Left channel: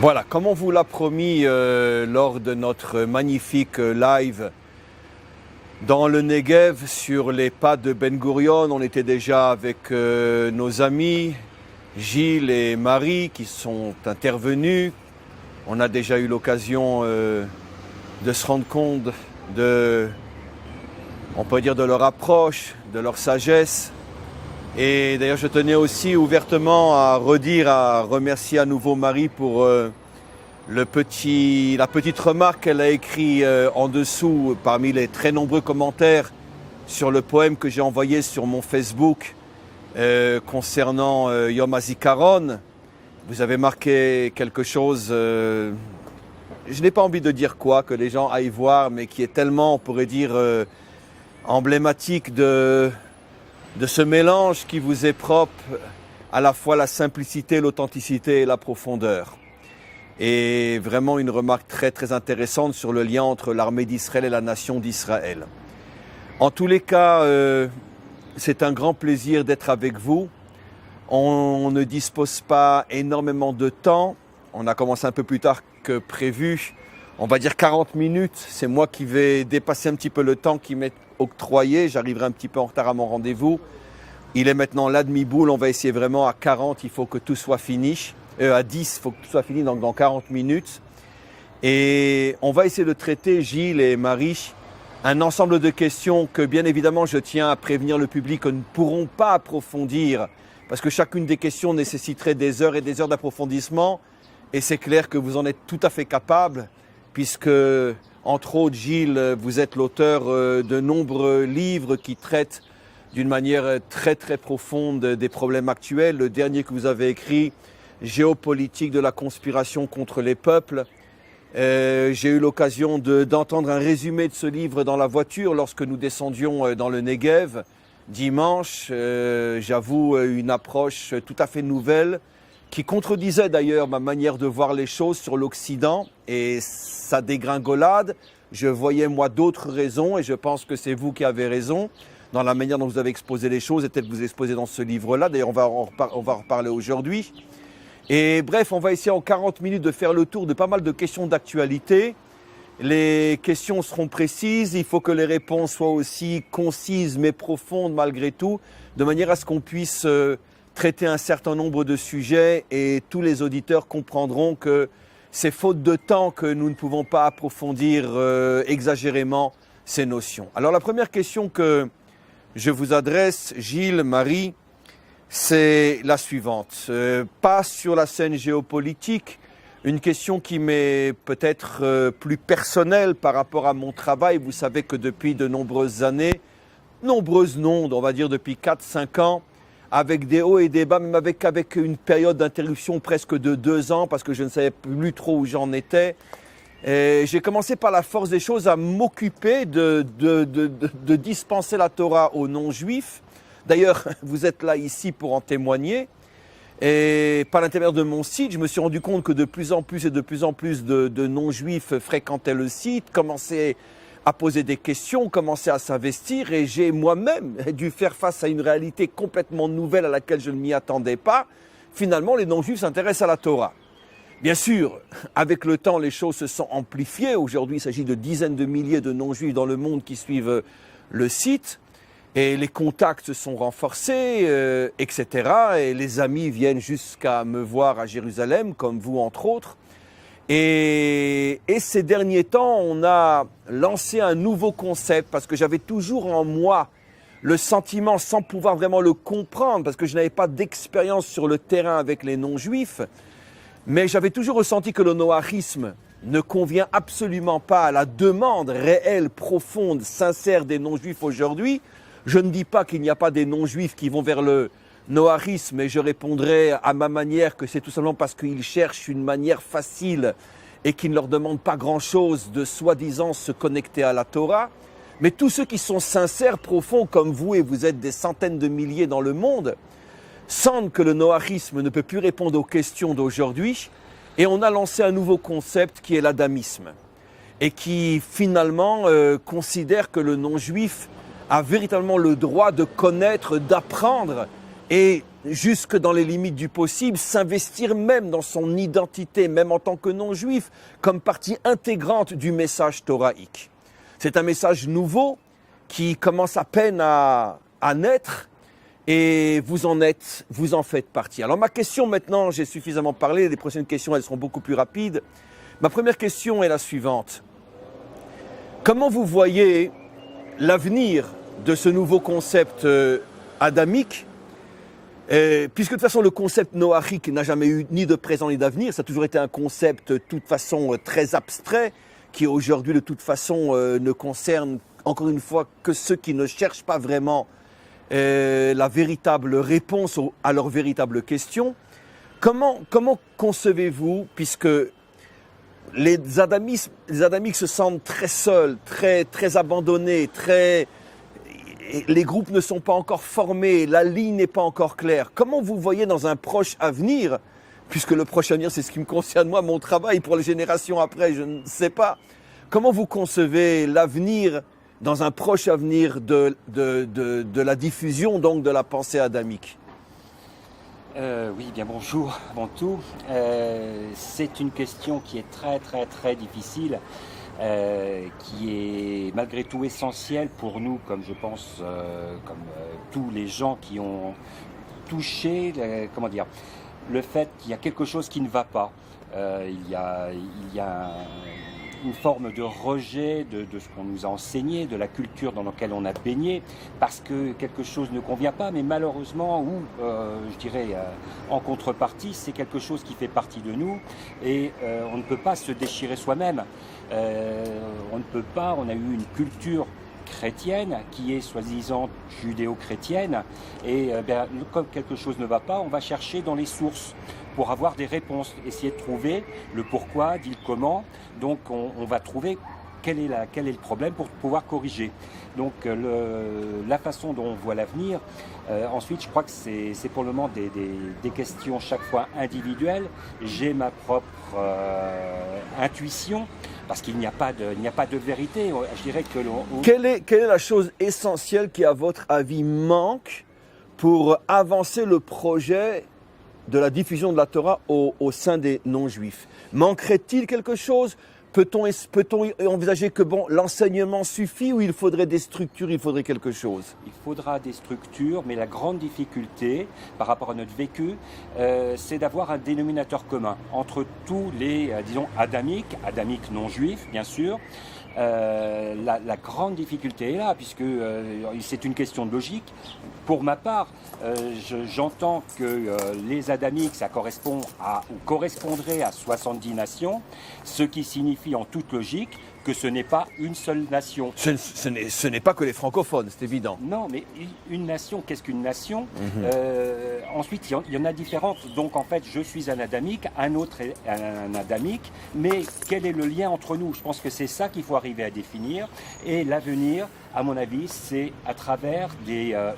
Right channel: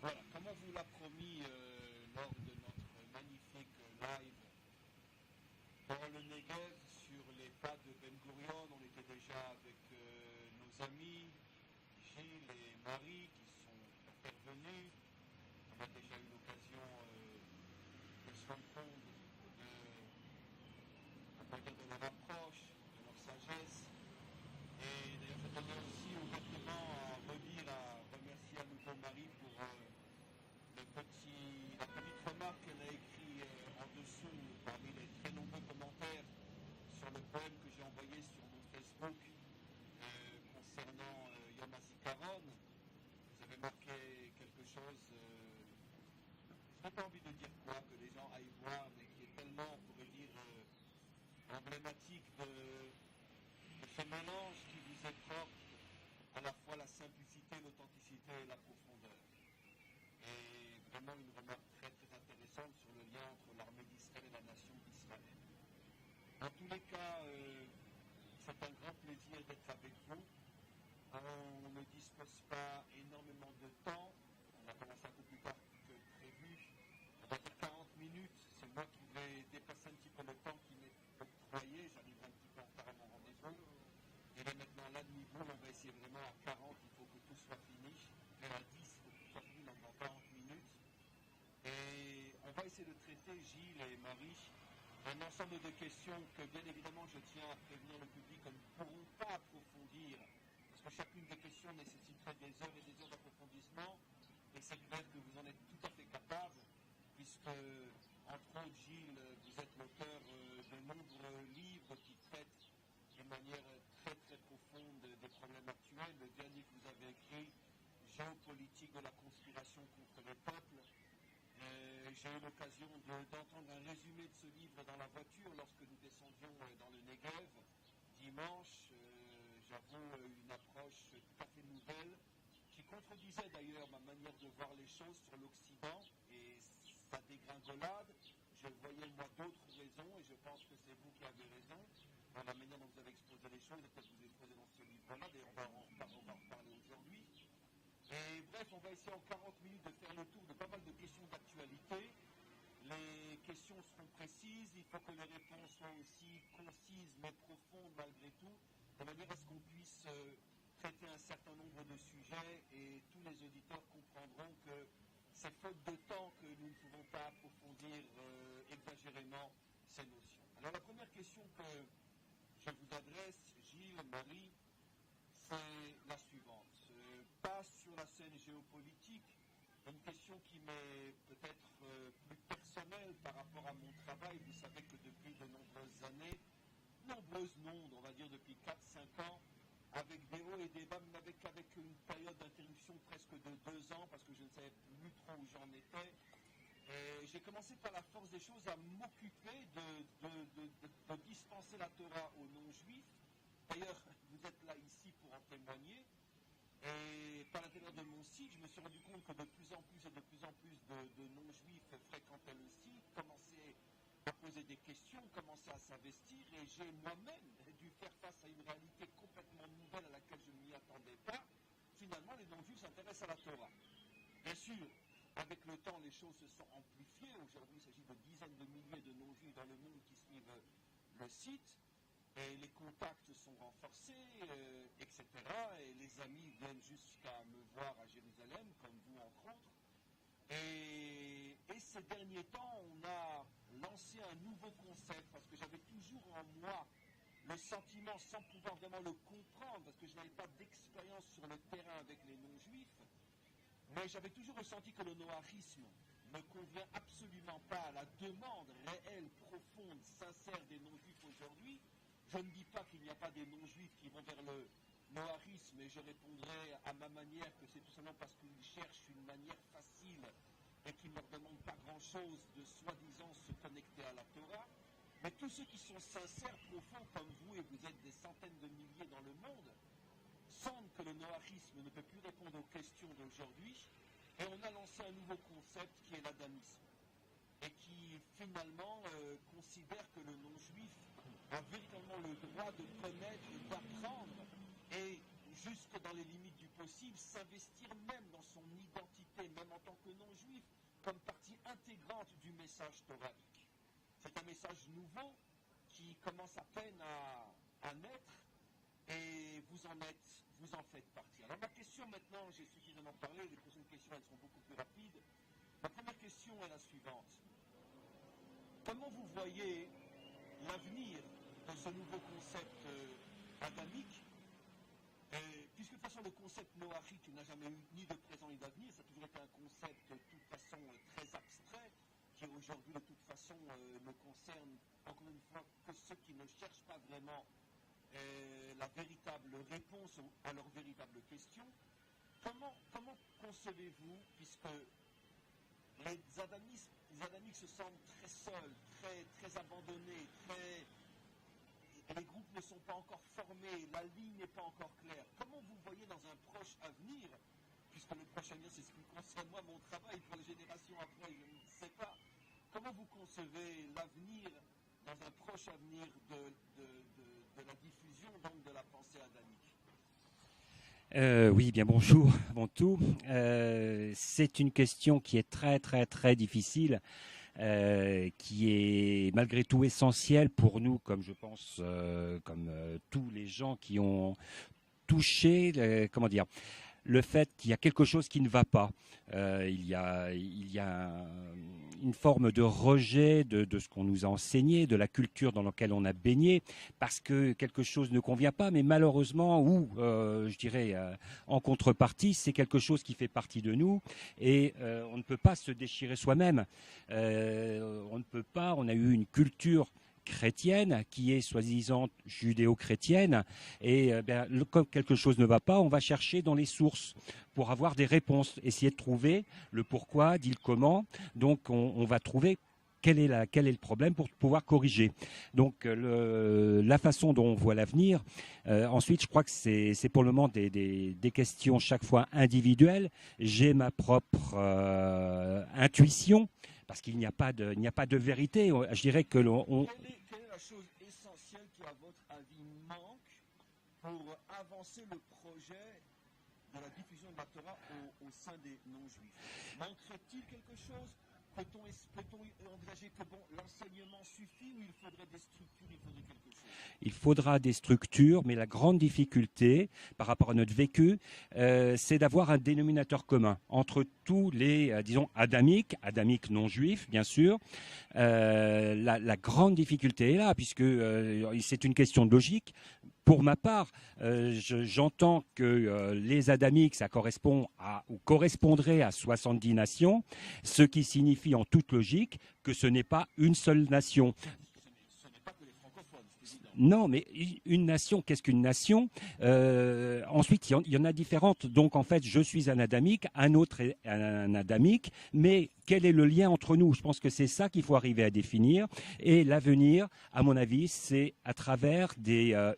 Voilà, comme on vous l'a promis lors de notre magnifique live dans le Negev sur les pas de Ben Gurion, on était déjà avec nos amis Gilles et Marie qui sont intervenus. On a déjà eu l'occasion de se rendre compte on peut dire, de leur approche, de leur sagesse. Et d'ailleurs, je tenais aussi ouvertement à remercier à nouveau Marie pour la petite remarque qu'elle a écrite en dessous parmi les très nombreux commentaires sur le poème que j'ai envoyé sur mon Facebook concernant Yom HaZikaron. Vous avez marqué quelque chose, je n'ai pas envie de dire quoi, que les gens aillent voir, mais qui est tellement, on pourrait dire, emblématique de ce mélange qui vous est propre, à la fois la simplicité, l'authenticité et la profondeur. Et vraiment une remarque très très intéressante sur le lien entre l'armée d'Israël et la nation d'Israël. En tous les cas, c'est un grand plaisir d'être avec vous. On ne dispose pas énormément de temps. On a commencé un peu plus tard que prévu. On va dire 40 minutes. C'est moi qui vais dépasser un petit peu le temps qui m'est octroyé. J'arriverai un petit peu en retard à mon rendez-vous. Il est maintenant là demi-boule. On va essayer vraiment à 40. Il faut que tout soit fini. À 10, il faut que tout soit fini dans 40 minutes. Et on va essayer de traiter, Gilles et Marie, un ensemble de questions que bien évidemment je tiens à prévenir le public que nous ne pourrons pas approfondir parce que chacune des questions nécessiterait des heures et des heures d'approfondissement. Et c'est clair que vous en êtes tout à fait capable puisque, entre autres, Gilles, vous êtes l'auteur de nombreux livres qui traitent d'une manière très très profonde des problèmes actuels. Le dernier que vous avez écrit, Géopolitique de la conspiration contre les peuples. J'ai eu l'occasion d'entendre un résumé de ce livre dans la voiture lorsque nous descendions dans le Negev dimanche. J'avoue une approche tout à fait nouvelle qui contredisait d'ailleurs ma manière de voir les choses sur l'Occident et sa dégringolade. Je voyais moi d'autres raisons et je pense que c'est vous qui avez raison dans la manière dont vous avez exposé les choses et peut-être vous exposez dans ce livre-là. D'ailleurs, on va en reparler aujourd'hui. Et bref, on va essayer en 40 minutes de faire le tour de pas mal de questions d'actualité. Les questions seront précises, il faut que les réponses soient aussi concises mais profondes malgré tout, de manière à ce qu'on puisse traiter un certain nombre de sujets et tous les auditeurs comprendront que c'est faute de temps que nous ne pouvons pas approfondir exagérément ces notions. Alors la première question que je vous adresse, Gilles, Marie, c'est la suivante. Pas sur la scène géopolitique, une question qui m'est peut-être plus personnelle par rapport à mon travail. Vous savez que depuis de nombreuses années, nombreuses non, on va dire depuis 4-5 ans, avec des hauts et des bas, même avec une période d'interruption presque de 2 ans, parce que je ne savais plus trop où j'en étais. J'ai commencé par la force des choses à m'occuper de dispenser la Torah aux non-juifs. D'ailleurs, vous êtes là ici pour en témoigner. Et par l'intermédiaire de mon site, je me suis rendu compte que de plus en plus et de plus en plus de non-juifs fréquentaient le site, commençaient à poser des questions, commençaient à s'investir. Et j'ai moi-même dû faire face à une réalité complètement nouvelle à laquelle je ne m'y attendais pas. Finalement, les non-juifs s'intéressent à la Torah. Bien sûr, avec le temps, les choses se sont amplifiées. Aujourd'hui, il s'agit de dizaines de milliers de non-juifs dans le monde qui suivent le site. Et les contacts se sont renforcés, etc. Et les amis viennent jusqu'à me voir à Jérusalem, comme vous entre autres. Et ces derniers temps, on a lancé un nouveau concept parce que j'avais toujours en moi le sentiment, sans pouvoir vraiment le comprendre, parce que je n'avais pas d'expérience sur le terrain avec les non-juifs, mais j'avais toujours ressenti que le noahisme ne convient absolument pas à la demande réelle, profonde, sincère des non-juifs aujourd'hui. Je ne dis pas qu'il n'y a pas des non-juifs qui vont vers le noahisme, et je répondrai à ma manière que c'est tout simplement parce qu'ils cherchent une manière facile et qui ne leur demande pas grand-chose de soi-disant se connecter à la Torah. Mais tous ceux qui sont sincères, profonds comme vous, et vous êtes des centaines de milliers dans le monde, sentent que le noahisme ne peut plus répondre aux questions d'aujourd'hui, et on a lancé un nouveau concept qui est l'adamisme, et qui finalement considère que le non-juif a véritablement le droit de connaître, d'apprendre et jusque dans les limites du possible, s'investir même dans son identité, même en tant que non-juif, comme partie intégrante du message thoraïque. C'est un message nouveau qui commence à peine à naître et vous en faites partie. Alors ma question maintenant, j'ai suffisamment parlé, les prochaines questions elles seront beaucoup plus rapides. Ma première question est la suivante. Comment vous voyez l'avenir de ce nouveau concept adamique, puisque de toute façon le concept noachique n'a jamais eu ni de présent ni d'avenir, ça a toujours été un concept de toute façon très abstrait, qui aujourd'hui de toute façon ne concerne encore une fois que ceux qui ne cherchent pas vraiment la véritable réponse à leurs véritables questions. Comment concevez-vous, puisque les adamiques se sentent très seuls, très abandonnés, les groupes ne sont pas encore formés, la ligne n'est pas encore claire. Comment vous voyez dans un proche avenir, puisque le proche avenir c'est ce qui me concerne moi, mon travail pour les générations après, je ne sais pas, comment vous concevez l'avenir dans un proche avenir de la diffusion donc de la pensée adamique? Oui, bien bonjour avant tout. C'est une question qui est très difficile, qui est malgré tout essentielle pour nous, comme je pense, tous les gens qui ont touché, comment dire, le fait qu'il y a quelque chose qui ne va pas. Il y a une forme de rejet de ce qu'on nous a enseigné, de la culture dans laquelle on a baigné, parce que quelque chose ne convient pas, mais malheureusement, ou je dirais en contrepartie, c'est quelque chose qui fait partie de nous, et on ne peut pas se déchirer soi-même. On ne peut pas, on a eu une culture chrétienne qui est soi-disant judéo-chrétienne, et comme quelque chose ne va pas, on va chercher dans les sources pour avoir des réponses, essayer de trouver le pourquoi, dit le comment. Donc on va trouver quel est le problème pour pouvoir corriger. Donc la façon dont on voit l'avenir, ensuite je crois que c'est pour le moment des questions chaque fois individuelles. J'ai ma propre intuition, parce qu'il n'y a pas de vérité. Je dirais que quelle est la chose essentielle qui, à votre avis, manque pour avancer le projet de la diffusion de la Torah au sein des non-juifs? Manquerait-il quelque chose? Peut-on envisager que l'enseignement suffit, ou il faudrait des structures, il faudrait quelque chose? Il faudra des structures, mais la grande difficulté par rapport à notre vécu, c'est d'avoir un dénominateur commun entre tous les, disons, adamiques non-juifs, bien sûr. La grande difficulté est là, puisque c'est une question de logique. Pour ma part, j'entends que les adamiques, ça correspondrait à 70 nations, ce qui signifie en toute logique que ce n'est pas une seule nation. Ce n'est pas que les francophones, c'est évident. Non, mais une nation, qu'est-ce qu'une nation? Ensuite, il y en a différentes. Donc en fait, je suis un adamique, un autre est un adamique, mais quel est le lien entre nous? Je pense que c'est ça qu'il faut arriver à définir. Et l'avenir, à mon avis, c'est à travers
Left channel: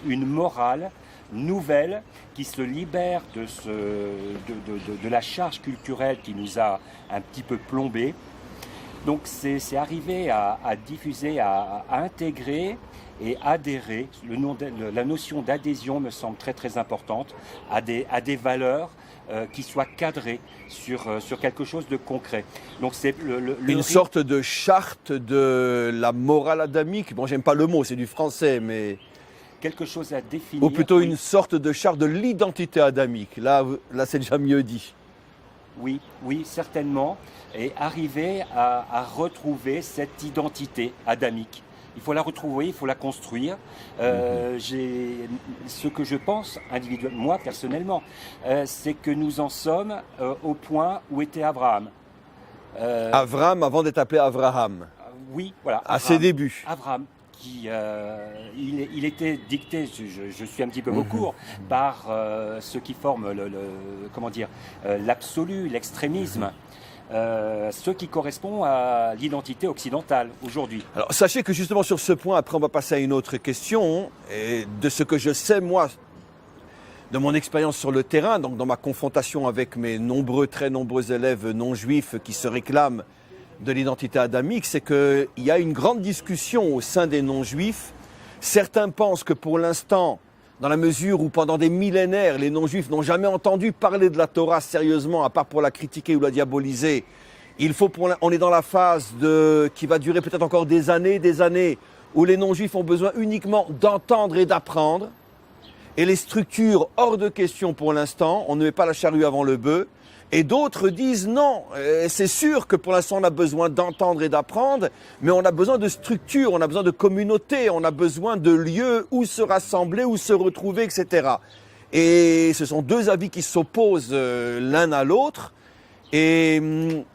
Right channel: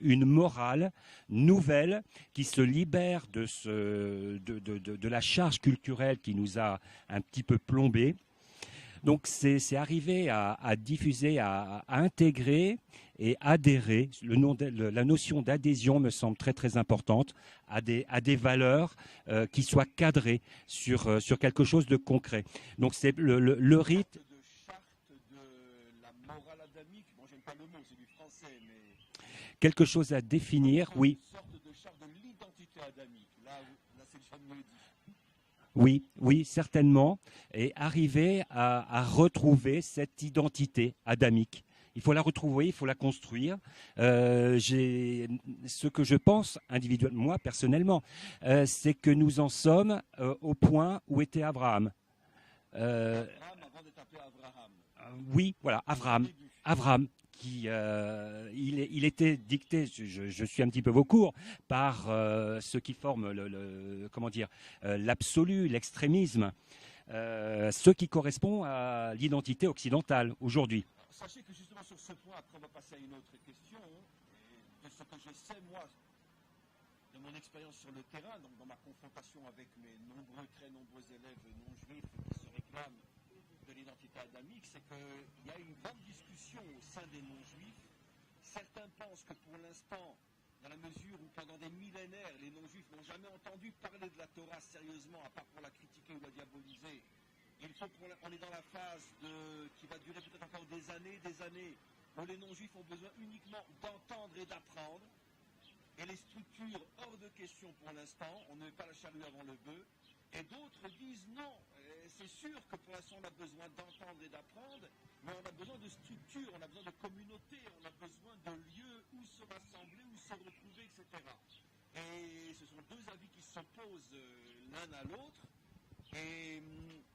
une morale nouvelle qui se libère de la charge culturelle qui nous a un petit peu plombés. Donc c'est arriver à diffuser, à intégrer et adhérer. La notion d'adhésion me semble très importante à des valeurs qui soient cadrées sur quelque chose de concret. Donc c'est une sorte de charte de la morale adamique. Bon, j'aime pas le mot, c'est du français, mais quelque chose à définir. Ou plutôt une sorte de charte de l'identité adamique. Là c'est déjà mieux dit. Oui, certainement. Et arriver à retrouver cette identité adamique. Il faut la retrouver, il faut la construire. Ce que je pense individuellement, moi personnellement, c'est que nous en sommes au point où était Abraham. Abraham avant d'être appelé Abraham. Oui, voilà. À ses débuts. Abraham. Il était dicté, je suis un petit peu au court, par ce qui forme l'absolu, l'extrémisme. Ce qui correspond à l'identité occidentale aujourd'hui. Alors sachez que justement sur ce point, après on va passer à une autre question, et de ce que je sais moi, de mon expérience sur le terrain, donc dans ma confrontation avec mes très nombreux élèves non-juifs qui se réclament de l'identité adamique, c'est qu'il y a une grande discussion au sein des non-juifs. Certains pensent que pour l'instant, dans la mesure où pendant des millénaires, les non-juifs n'ont jamais entendu parler de la Torah sérieusement, à part pour la critiquer ou la diaboliser. On est dans la phase qui va durer peut-être encore des années, où les non-juifs ont besoin uniquement d'entendre et d'apprendre. Et les structures, hors de question pour l'instant, on ne met pas la charrue avant le bœuf. Et d'autres disent non, c'est sûr que pour l'instant on a besoin d'entendre et d'apprendre, mais on a besoin de structures, on a besoin de communautés, on a besoin de lieux où se rassembler, où se retrouver, etc. Et ce sont deux avis qui s'opposent l'un à l'autre. Et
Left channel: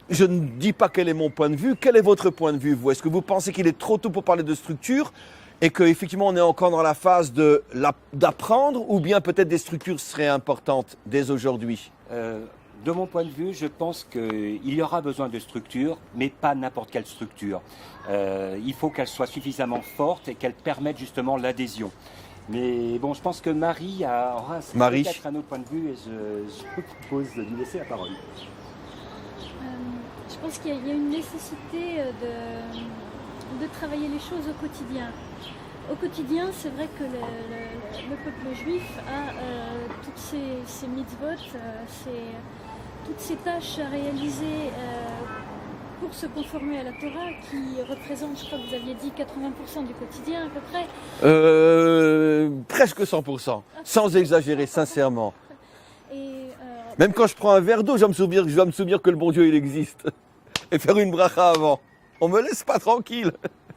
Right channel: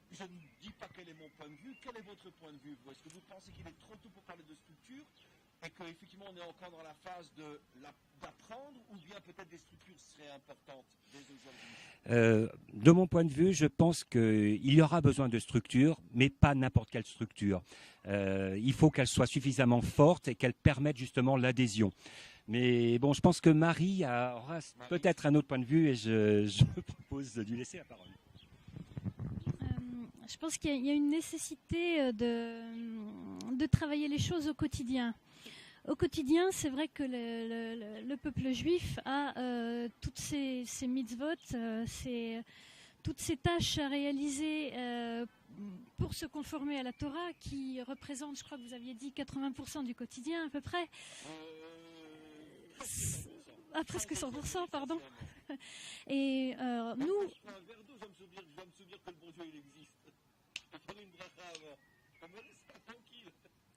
je ne dis pas quel est mon point de vue. Quel est votre point de vue, vous? Est-ce que vous pensez qu'il est trop tôt pour parler de structure et qu'effectivement on est encore dans la phase d'apprendre, ou bien peut-être des structures seraient importantes dès aujourd'hui? De mon point de vue, je pense qu'il y aura besoin de structures, mais pas n'importe quelle structure. Il faut qu'elle soit suffisamment forte et qu'elle permette justement l'adhésion. Mais bon, je pense que Marie aura peut-être un autre point de vue et je vous propose de lui laisser la parole. Je pense qu'il y a une nécessité de travailler les choses au quotidien. Au quotidien, c'est vrai que le peuple juif a toutes ces mitzvot, toutes ces tâches à réaliser pour se conformer à la Torah, qui représente, je crois que vous aviez dit, 80% du quotidien à peu près. Presque 100%, sans exagérer, sincèrement. Et, même quand je prends un verre d'eau, je dois me souvenir que le bon Dieu, il existe. Et faire une bracha avant. On me laisse pas tranquille.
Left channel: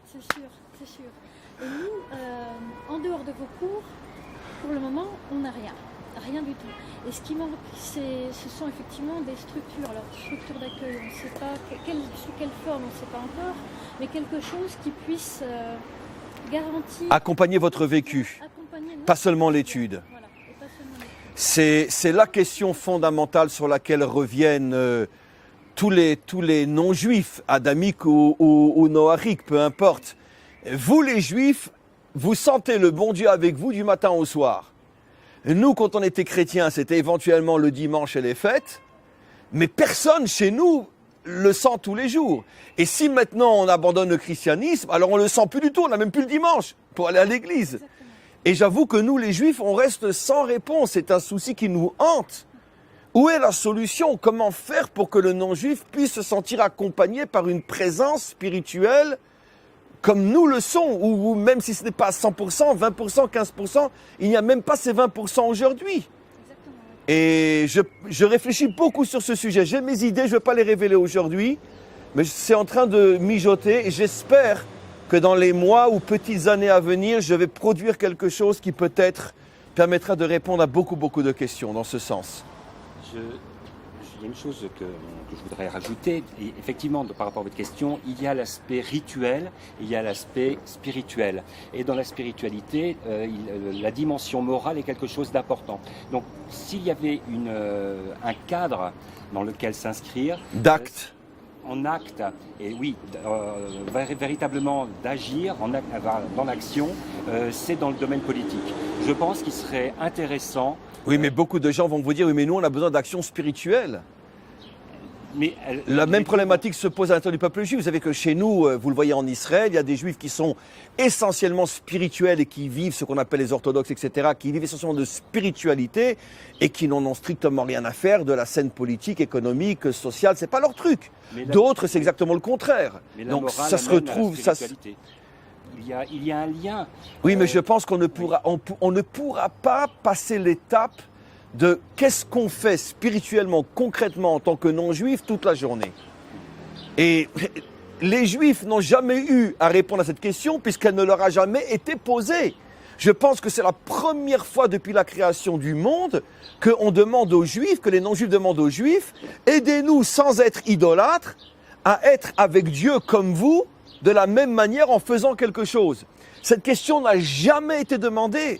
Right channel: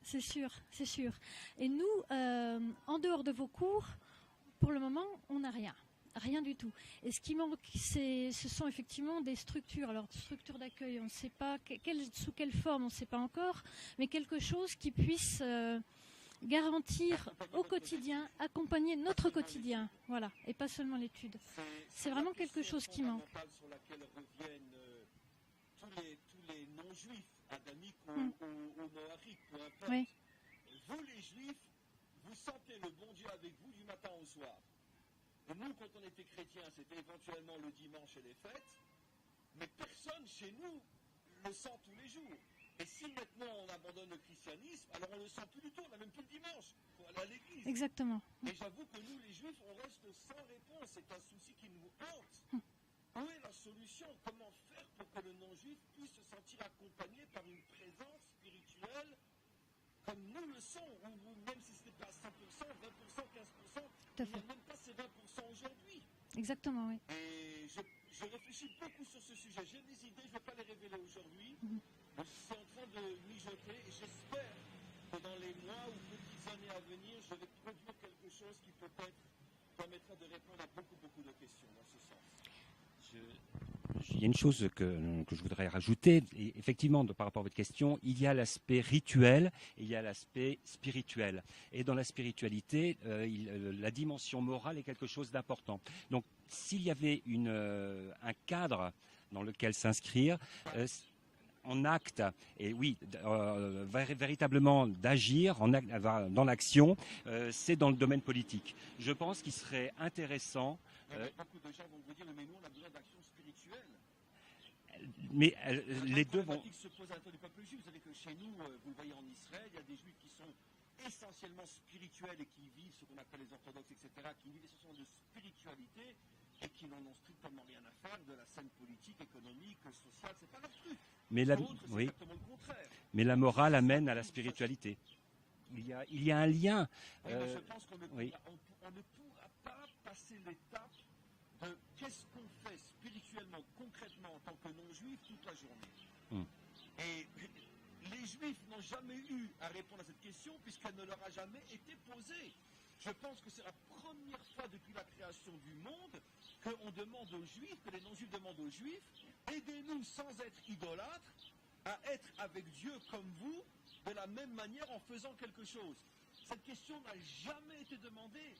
C'est sûr, c'est sûr. Et nous, en dehors de vos cours, pour le moment, on n'a rien du tout. Et ce qui manque, ce sont effectivement des structures. Alors, structures d'accueil, on ne sait pas sous quelle forme, on ne sait pas encore, mais quelque chose qui puisse garantir... Accompagner votre vécu, pas seulement l'étude. Voilà, et pas seulement l'étude. C'est la question fondamentale sur laquelle reviennent tous les non-juifs, adamiques ou noachiques, peu importe. Oui. Vous les juifs, vous sentez le bon Dieu avec vous du matin au soir. Nous, quand on était chrétiens, c'était éventuellement le dimanche et les fêtes, mais personne chez nous le sent tous les jours. Et si maintenant on abandonne le christianisme, alors on ne le sent plus du tout, on n'a même plus le dimanche pour aller à l'église. Exactement. Et j'avoue que nous, les juifs, on reste sans réponse. C'est un souci qui nous hante. Où est la solution? Comment faire pour que le non-juif puisse se sentir accompagné par une présence spirituelle comme nous le sommes, ou même si ce n'est pas 100%, 20%, 15%, il n'y a même pas ces 20% aujourd'hui. Exactement. Et je réfléchis beaucoup sur ce sujet. J'ai mes idées, je ne vais pas les révéler aujourd'hui, mais c'est en train de mijoter et j'espère que dans les mois ou petites années à venir, je vais produire quelque chose qui peut-être permettra de répondre à beaucoup de questions dans ce sens. Il y a une chose que je voudrais rajouter, et effectivement, par rapport à votre question, il y a l'aspect rituel, il y a l'aspect spirituel. Et dans la spiritualité, la dimension morale est quelque chose d'important. Donc, s'il y avait un cadre dans lequel s'inscrire... D'actes. En acte, et oui, véritablement d'agir dans l'action, c'est dans le domaine politique. Je pense qu'il serait intéressant... Oui, mais beaucoup de gens vont vous dire, oui, mais nous, on a besoin d'action spirituelle. Mais la même problématique se pose à l'intérieur du peuple juif. Vous savez que chez nous, vous le voyez en Israël, il y a des juifs qui sont essentiellement spirituels et qui vivent ce qu'on appelle les orthodoxes, etc., qui vivent essentiellement de spiritualité et qui n'en ont strictement rien à faire de la scène politique, économique, sociale. C'est pas leur truc. D'autres, c'est exactement le contraire. Mais donc morale ça se retrouve. Il y a un lien. Oui, mais je pense qu'on ne pourra pas passer l'étape de qu'est-ce qu'on fait spirituellement, concrètement en tant que non-juif toute la journée. Et les juifs n'ont jamais eu à répondre à cette question puisqu'elle ne leur a jamais été posée. Je pense que c'est la première fois depuis la création du monde qu'on demande aux juifs, que les non-juifs demandent aux juifs, aidez-nous sans être idolâtres à être avec Dieu comme vous, de la même manière en faisant quelque chose. Cette question n'a jamais été demandée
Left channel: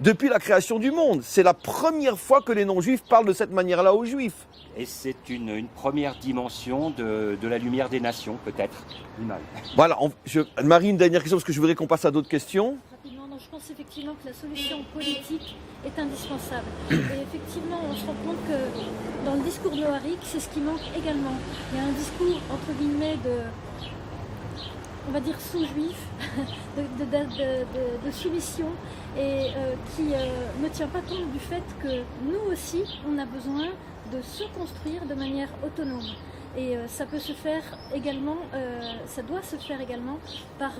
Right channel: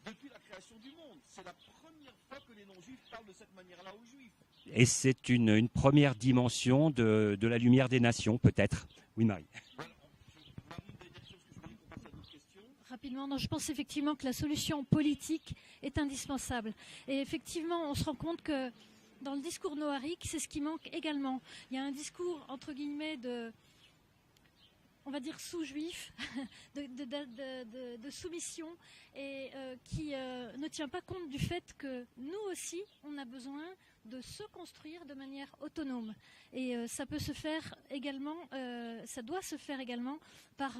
depuis la création du monde. C'est la première fois que les non-juifs parlent de cette manière-là aux juifs. Et c'est une première dimension de la lumière des nations, peut-être. Voilà, Marie, une dernière question, parce que je voudrais qu'on passe à d'autres questions. Rapidement, non, je pense effectivement que la solution politique est indispensable. Et effectivement, on se rend compte que dans le discours de Harik, c'est ce qui manque également. Il y a un discours, entre guillemets, on va dire sous-juif, de soumission, et qui ne tient pas compte du fait que nous aussi, on a besoin de se construire de manière autonome. Et ça peut se faire également, ça doit se faire également par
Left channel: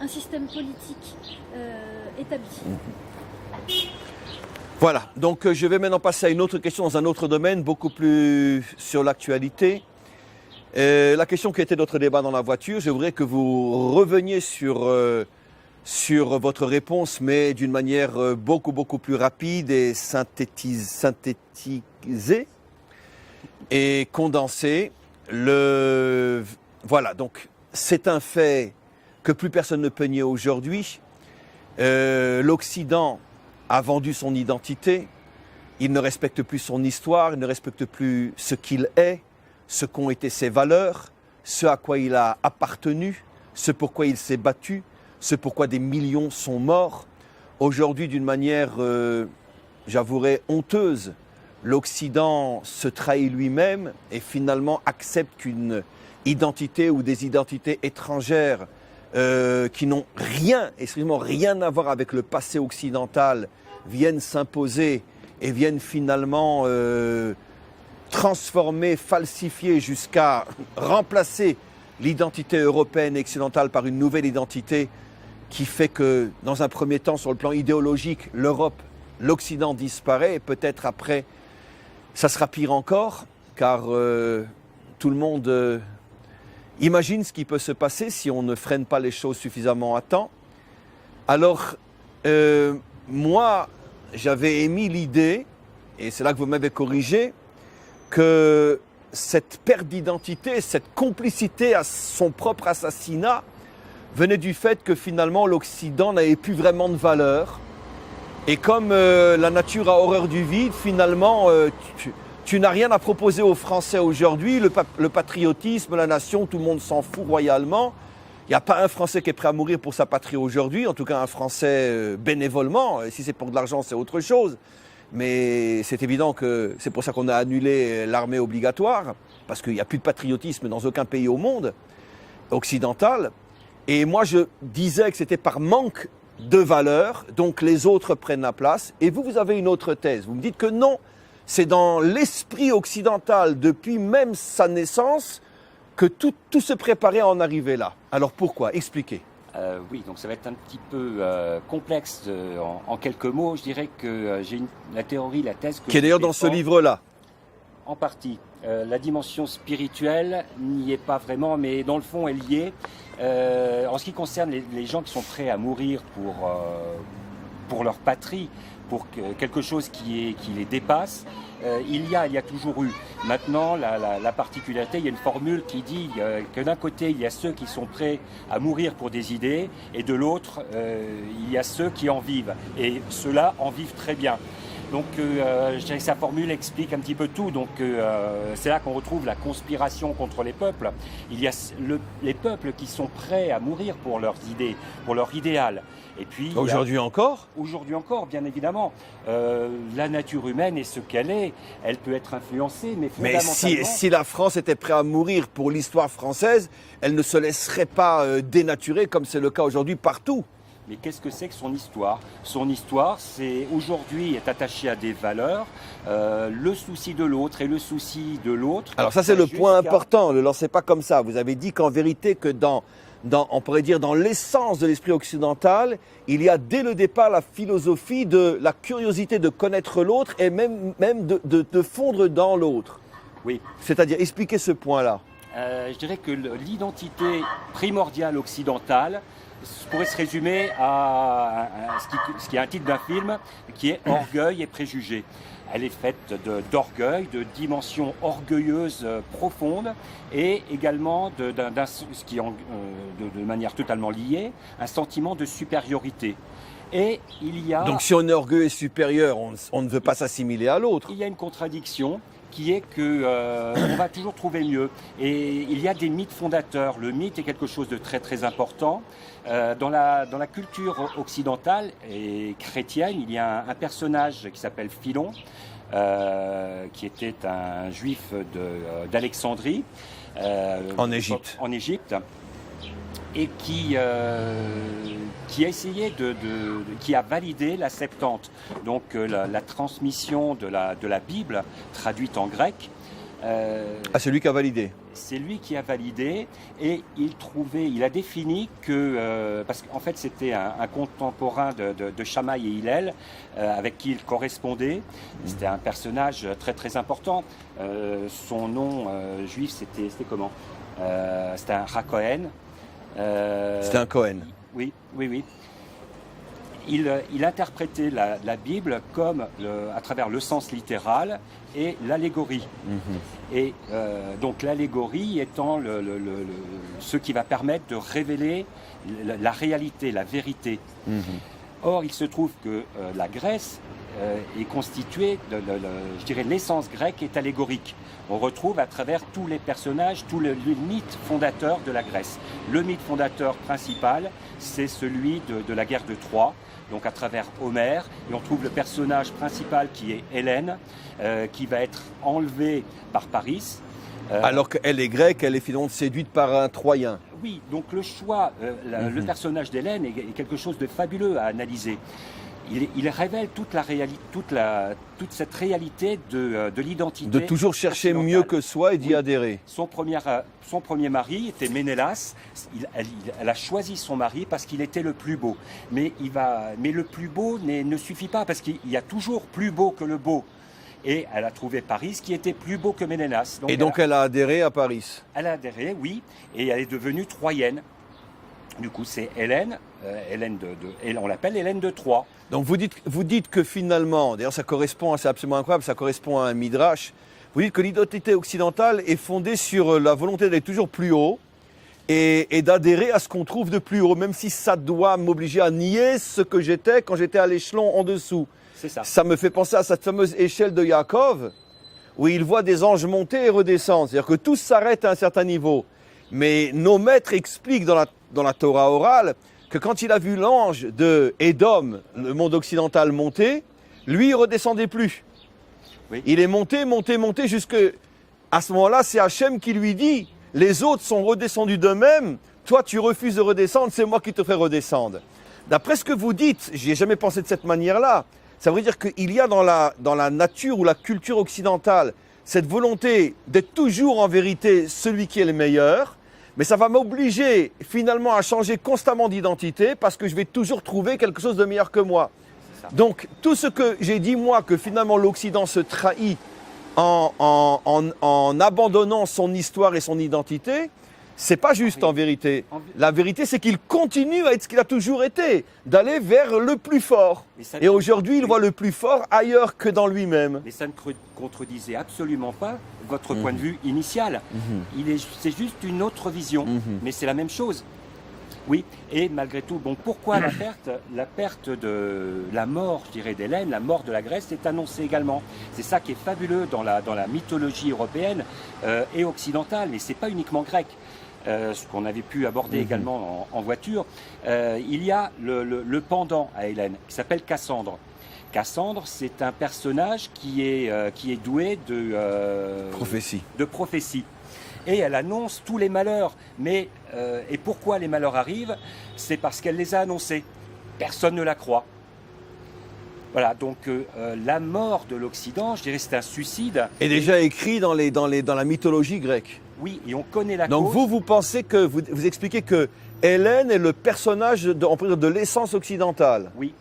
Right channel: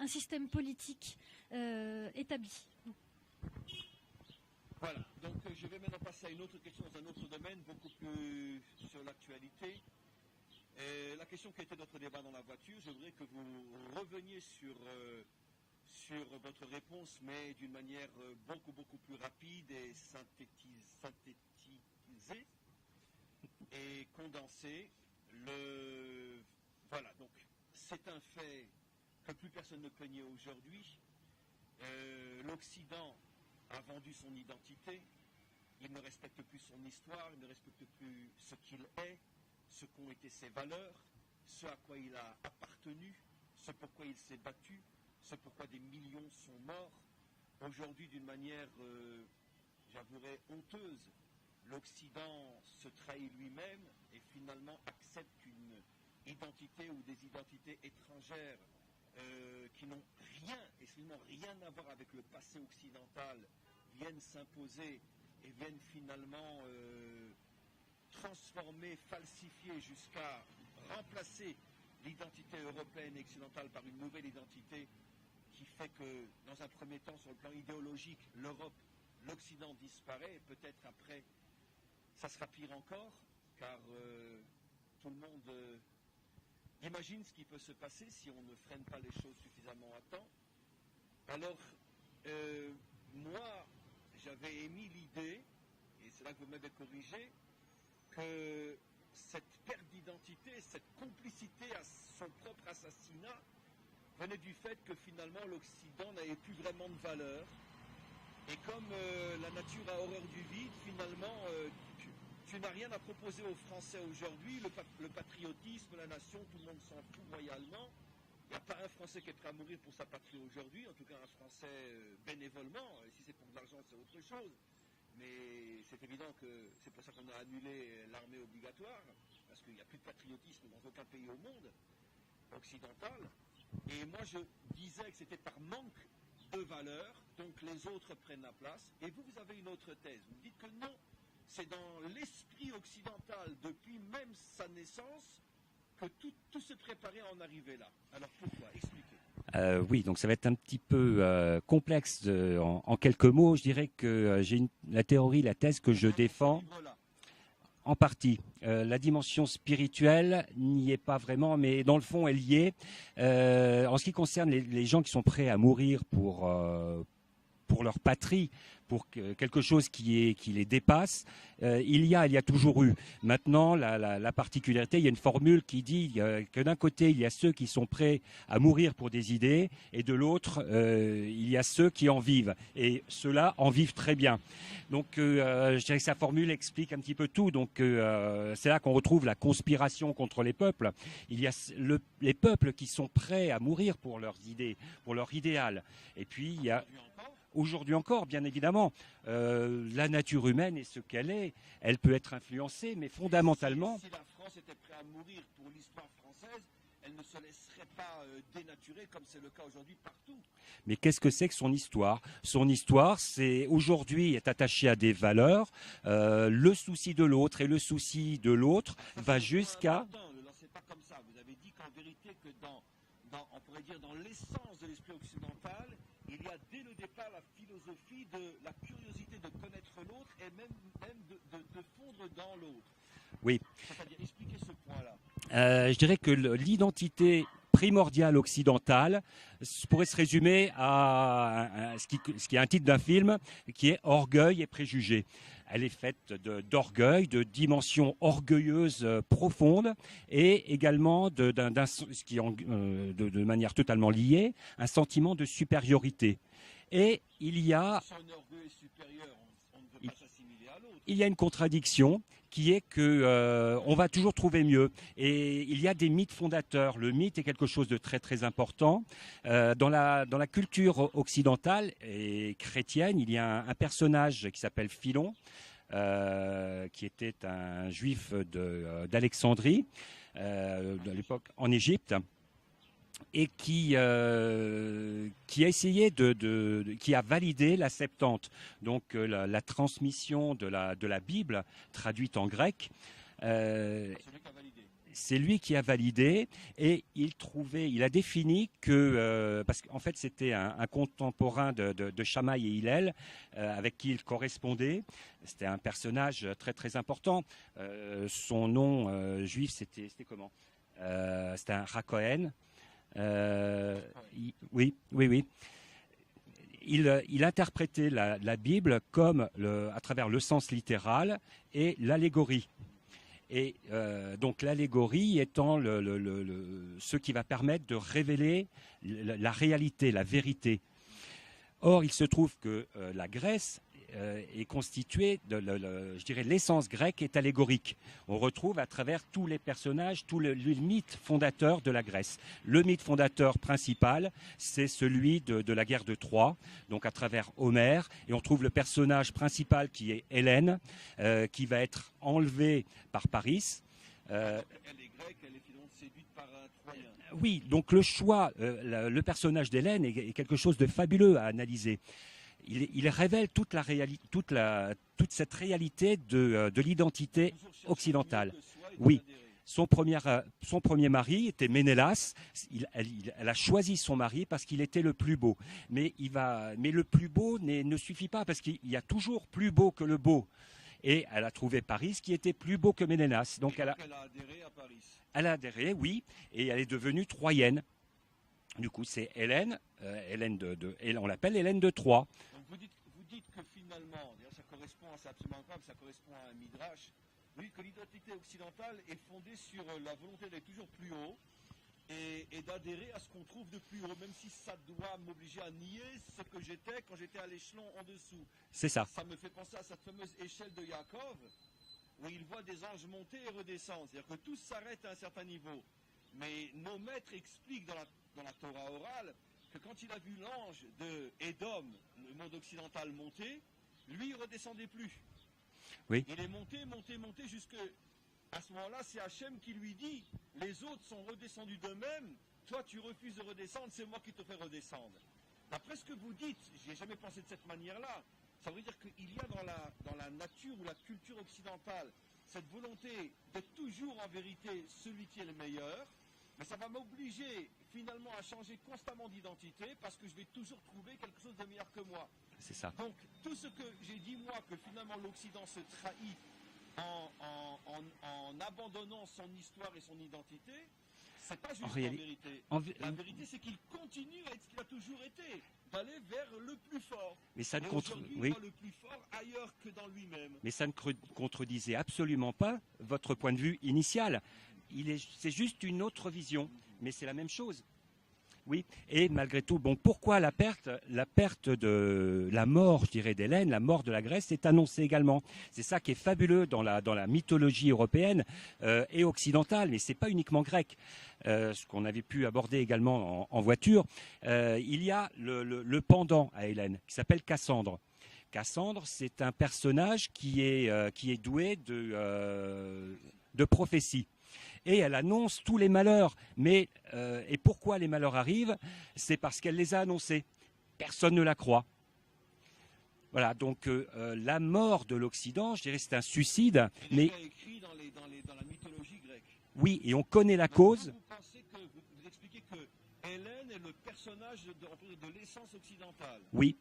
un système politique établi. Voilà, donc je vais maintenant passer à une autre question dans un autre domaine, beaucoup plus sur l'actualité. La question qui était notre débat dans la voiture, je voudrais que vous reveniez sur votre réponse, mais d'une manière beaucoup plus rapide et synthétisée et condensée. Voilà, donc c'est un fait que plus personne ne peut nier aujourd'hui. L'Occident a vendu son identité, il ne respecte plus son histoire, il ne respecte plus ce qu'il est, ce qu'ont été ses valeurs, ce à quoi il a appartenu, ce pourquoi il s'est battu, ce pourquoi des millions sont morts. Aujourd'hui, d'une manière, j'avouerais, honteuse, l'Occident se trahit lui-même et finalement accepte qu'une identité ou des identités étrangères qui n'ont rien, excusez-moi, rien à voir avec le passé occidental, viennent s'imposer et viennent finalement transformer, falsifier jusqu'à remplacer l'identité européenne et occidentale par une nouvelle identité qui fait que, dans un premier temps, sur le plan idéologique, l'Europe, l'Occident disparaît et peut-être après, ça sera pire encore, car tout le monde imagine ce qui peut se passer si on ne freine pas les choses suffisamment à temps. Alors, moi, j'avais émis l'idée, et c'est là que vous m'avez corrigé, que cette perte d'identité, cette complicité à son propre assassinat venait du fait que finalement l'Occident n'avait plus vraiment de valeur. Et comme la nature a horreur du vide, finalement, tu n'as rien à proposer aux Français aujourd'hui. Le patriotisme, la nation, tout le monde s'en fout royalement. Il n'y a pas un Français qui est prêt à mourir pour sa patrie aujourd'hui, en tout cas un Français bénévolement. Si c'est pour de l'argent, c'est autre chose. Mais c'est évident que c'est pour ça qu'on a annulé l'armée obligatoire, parce qu'il n'y a plus de patriotisme dans aucun pays au monde occidental. Et moi, je disais que c'était par manque de valeur, donc les autres prennent la place. Et vous avez une autre thèse. Vous me dites que non, c'est dans l'esprit occidental, depuis même sa naissance, que tout se préparait à en arriver là. Alors pourquoi? Expliquez. Oui, donc ça va être un petit peu complexe en quelques mots. Je dirais que j'ai la théorie, la thèse que qui est d'ailleurs dans ce livre-là. En partie. La dimension spirituelle n'y est pas vraiment, mais dans le fond, elle y est. En ce qui concerne les gens qui sont prêts à mourir pour leur patrie, pour quelque chose qui les dépasse, il y a toujours eu. Maintenant, la particularité, il y a une formule qui dit que d'un côté, il y a ceux qui sont prêts à mourir pour des idées, et de l'autre, il y a ceux qui en vivent. Et ceux-là en vivent très bien. Donc, je dirais que sa formule explique un petit peu tout. Donc, c'est là qu'on retrouve la conspiration contre les peuples. Il y a les peuples qui sont prêts à mourir pour leurs idées, pour leur idéal. Et puis, aujourd'hui encore ? Aujourd'hui encore, bien évidemment. La nature humaine est ce qu'elle est. Elle peut être influencée, mais fondamentalement... Mais si la France était prête à mourir pour l'histoire française, elle ne se laisserait pas dénaturer comme c'est le cas aujourd'hui partout. Mais qu'est-ce que c'est que son histoire? Son histoire, c'est aujourd'hui est attachée à des valeurs, le souci de l'autre et le souci de l'autre. Alors ça, c'est le point important, ne le lancez pas comme ça. Vous avez dit qu'en vérité, que on pourrait dire dans l'essence de l'esprit occidental, il y a dès le départ la philosophie de la curiosité de connaître l'autre et même de fondre dans l'autre. Oui. C'est-à-dire, expliquez ce point-là. Je dirais que l'identité primordiale occidentale pourrait se résumer à ce qui est un titre d'un film, qui est Orgueil et préjugés. Elle est faite d'orgueil, de dimensions orgueilleuses profondes et également de manière totalement liée, un sentiment de supériorité. Et il y a... Donc si on est orgueilleux et supérieur, on ne veut pas s'assimiler à l'autre. Il y a une contradiction qui est qu'on va toujours trouver mieux. Et il y a des mythes fondateurs. Le mythe est quelque chose de très très important. Dans la culture occidentale et chrétienne, il y a un personnage qui s'appelle Philon, qui était un juif d'Alexandrie. En Égypte. En Égypte. et qui a essayé qui a validé la Septante, donc la transmission de la Bible traduite en grec. Ah, c'est lui qui a validé. C'est lui qui a validé et il a défini que, parce qu'en fait c'était un contemporain de Shammai et Hillel avec qui il correspondait. C'était un personnage très très important. Son nom juif c'était comment C'était un Racohen. C'était un Cohen. Oui. Il interprétait la Bible comme à travers le sens littéral et l'allégorie. Et donc l'allégorie étant ce qui va permettre de révéler la réalité, la vérité. Or, il se trouve que la Grèce est constituée, je dirais, l'essence grecque est allégorique. On retrouve à travers tous les personnages, tout le mythe fondateur de la Grèce. Le mythe fondateur principal, c'est celui de la guerre de Troie, donc à travers Homère, et on trouve le personnage principal qui est Hélène, qui va être enlevée par Paris. Alors qu'elle est grecque, elle est finalement séduite par un Troyen. Oui, donc le choix, le personnage d'Hélène est quelque chose de fabuleux à analyser. Il révèle toute cette réalité de l'identité. De toujours chercher mieux que soi et d'y adhérer. Son premier mari était Ménélas. Elle a choisi son mari parce qu'il était le plus beau. Mais le plus beau ne suffit pas parce qu'il y a toujours plus beau que le beau. Et elle a trouvé Paris qui était plus beau que Ménélas. Donc elle a adhéré à Paris. Elle a adhéré, oui, et elle est devenue troyenne. Du coup, c'est Hélène, on l'appelle Hélène de Troie. Donc vous dites que finalement, d'ailleurs ça correspond, c'est absolument incroyable, ça correspond à un midrash. Vous dites que l'identité occidentale est fondée sur la volonté d'aller toujours plus haut et d'adhérer à ce qu'on trouve de plus haut, même si ça doit m'obliger à nier ce que j'étais quand j'étais à l'échelon en dessous. C'est ça. Ça me fait penser à cette fameuse échelle de Yaakov, où il voit des anges monter et redescendre. C'est-à-dire que tout s'arrête à un certain niveau. Mais nos maîtres expliquent dans la Torah orale que quand il a vu l'ange de Édom, le monde occidental, monter, lui, il ne redescendait plus. Oui. Il est monté jusque... À ce moment-là, c'est Hachem qui lui dit, les autres sont redescendus d'eux-mêmes, toi tu refuses de redescendre, c'est moi qui te ferai redescendre. D'après ce que vous dites, j'y ai jamais pensé de cette manière-là, ça veut dire qu'il y a dans la nature ou la culture occidentale cette volonté d'être toujours en vérité celui qui est le meilleur, mais ça va m'obliger finalement à changer constamment d'identité parce que je vais toujours trouver quelque chose de meilleur que moi. Donc tout ce que j'ai dit moi, que finalement l'Occident se trahit en abandonnant son histoire et son identité, c'est pas juste en vérité. La vérité, c'est qu'il continue à être ce qu'il a toujours été, d'aller vers le plus fort. Et aujourd'hui, il voit le plus fort ailleurs que dans lui-même. Mais ça ne contredisait absolument pas votre point de vue initial. C'est juste une autre vision, mais c'est la même chose. Oui, et malgré tout, bon, pourquoi la perte de la mort, je dirais, d'Hélène, la mort de la Grèce est annoncée également. C'est ça qui est fabuleux dans la mythologie européenne et occidentale, et c'est pas uniquement grec. Ce qu'on avait pu aborder également en voiture, il y a le pendant à Hélène, qui s'appelle Cassandre. Cassandre, c'est un personnage qui est doué de prophétie. Et elle annonce tous les malheurs. Mais, et pourquoi les malheurs arrivent? C'est parce qu'elle les a annoncés. Personne ne la croit. Voilà, donc la mort de l'Occident, je dirais, c'est un suicide. Et déjà écrit dans la mythologie grecque. Oui, et on connaît la cause. Donc vous pensez que, vous expliquez que Hélène est le personnage de l'essence occidentale. Oui,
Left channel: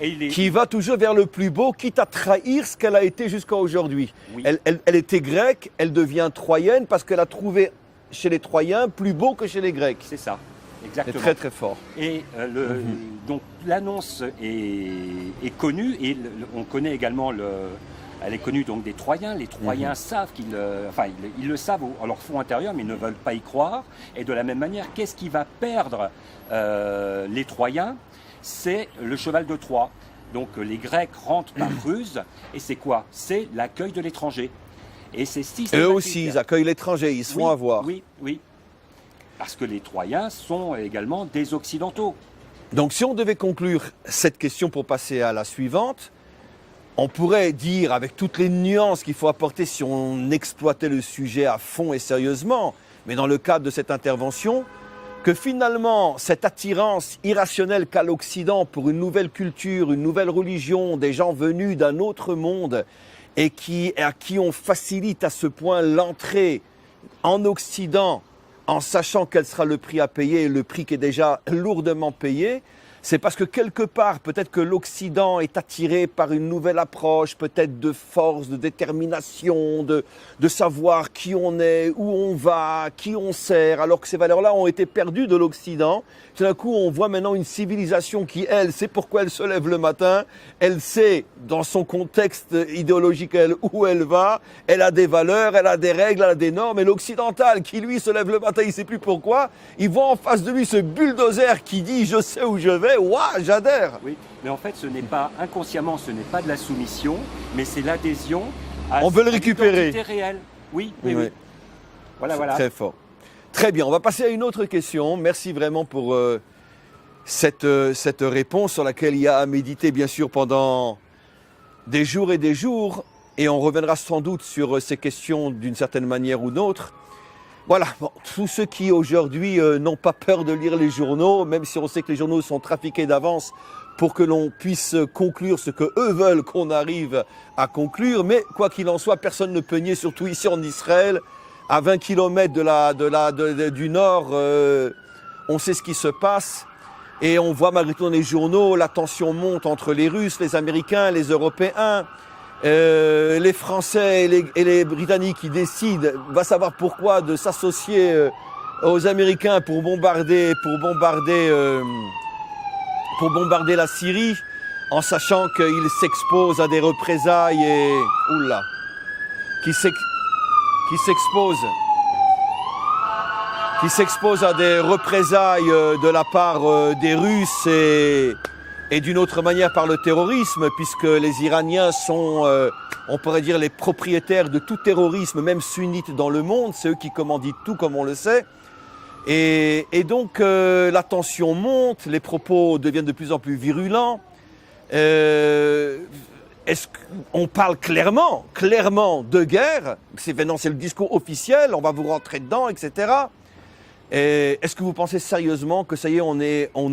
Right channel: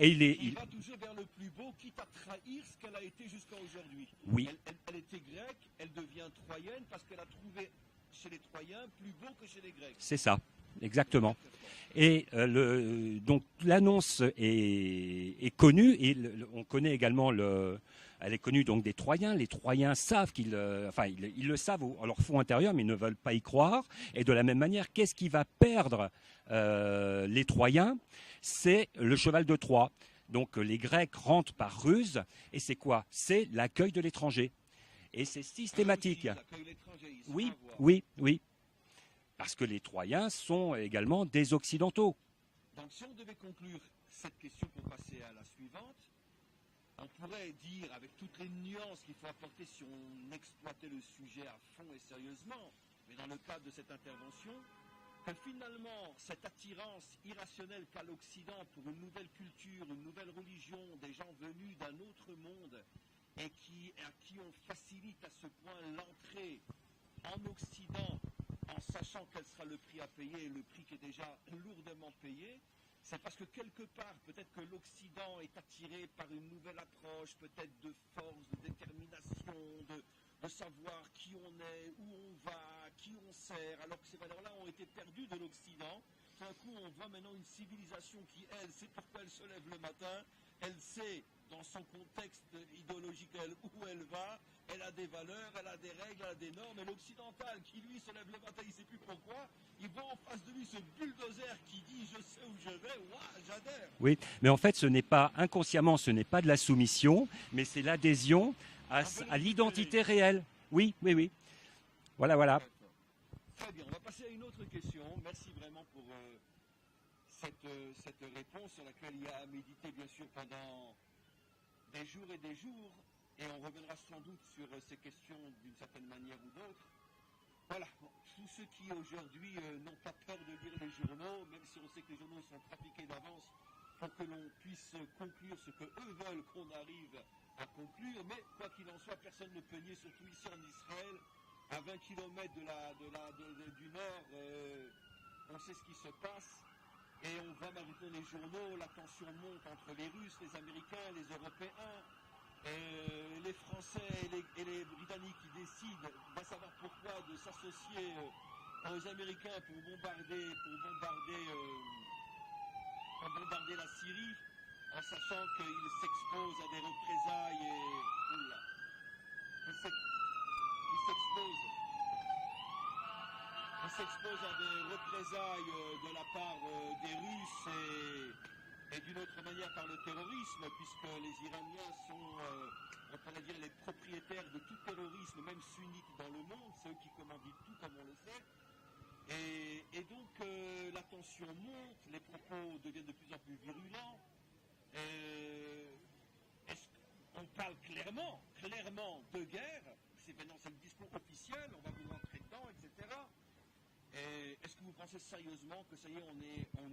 et qui va toujours vers le plus beau, quitte à trahir ce qu'elle a été jusqu'à aujourd'hui. Oui. Elle était grecque, elle devient troyenne parce qu'elle a trouvé chez les Troyens plus beau que chez les Grecs. C'est ça, exactement. C'est très très fort. Et donc l'annonce est connue et on connaît également elle est connue donc des Troyens. Les Troyens savent ils le savent en leur fond intérieur, mais ils ne veulent pas y croire. Et de la même manière, qu'est-ce qui va perdre les Troyens? C'est le cheval de Troie. Donc les Grecs rentrent par ruse. Et c'est quoi? C'est l'accueil de l'étranger. Et c'est systématique. Eux aussi, ils accueillent l'étranger, ils se font avoir. Oui. Parce que les Troyens sont également des Occidentaux. Donc si on devait conclure cette question pour passer à la suivante, on pourrait dire, avec toutes les nuances qu'il faut apporter si on exploitait le sujet à fond et sérieusement, mais dans le cadre de cette intervention, que finalement, cette attirance irrationnelle qu'a l'Occident pour une nouvelle culture, une nouvelle religion, des gens venus d'un autre monde et à qui on facilite à ce point l'entrée en Occident en sachant quel sera le prix à payer, le prix qui est déjà lourdement payé, c'est parce que quelque part, peut-être que l'Occident est attiré par une nouvelle approche, peut-être de force, de détermination, de savoir qui on est, où on va, qui on sert, alors que ces valeurs-là ont été perdues de l'Occident. Tout d'un coup, on voit maintenant une civilisation qui, elle, sait pourquoi elle se lève le matin, elle sait, dans son contexte idéologique, elle, où elle va, elle a des valeurs, elle a des règles, elle a des normes, et l'occidental, qui lui se lève le matin, il ne sait plus pourquoi, il voit en face de lui ce bulldozer qui dit « je sais où je vais », waouh, j'adhère. Oui, mais en fait, ce n'est pas, inconsciemment, ce n'est pas de la soumission, mais c'est l'adhésion à On veut le récupérer. l'identité réelle. Oui, oui, oui. Voilà, voilà. Très fort. Très bien, on va passer à une autre question. Merci vraiment pour cette réponse sur laquelle il y a à méditer, bien sûr, pendant des jours et des jours. Et on reviendra sans doute sur ces questions d'une certaine manière ou d'autre. Voilà, bon, tous ceux qui aujourd'hui n'ont pas peur de lire les journaux, même si on sait que les journaux sont trafiqués d'avance pour que l'on puisse conclure ce qu'eux veulent qu'on arrive à conclure. Mais quoi qu'il en soit, personne ne peut nier, surtout ici en Israël, à 20 km du nord, on sait ce qui se passe. Et on voit malgré tout dans les journaux, la tension monte entre les Russes, les Américains, les Européens. Les Français et les Britanniques qui décident, va savoir pourquoi, de s'associer aux Américains pour bombarder la Syrie, en sachant qu'ils s'exposent à des représailles et qui s'exposent à des représailles de la part des Russes et d'une autre manière par le terrorisme, puisque les Iraniens sont, on pourrait dire, les propriétaires de tout terrorisme, même sunnite dans le monde. C'est eux qui commanditent tout, comme on le sait. Et donc, la tension monte, les propos deviennent de plus en plus virulents. Est-ce qu'on parle clairement de guerre? C'est le discours officiel, on va vous rentrer dedans, etc. Est-ce que vous pensez sérieusement que ça y est, on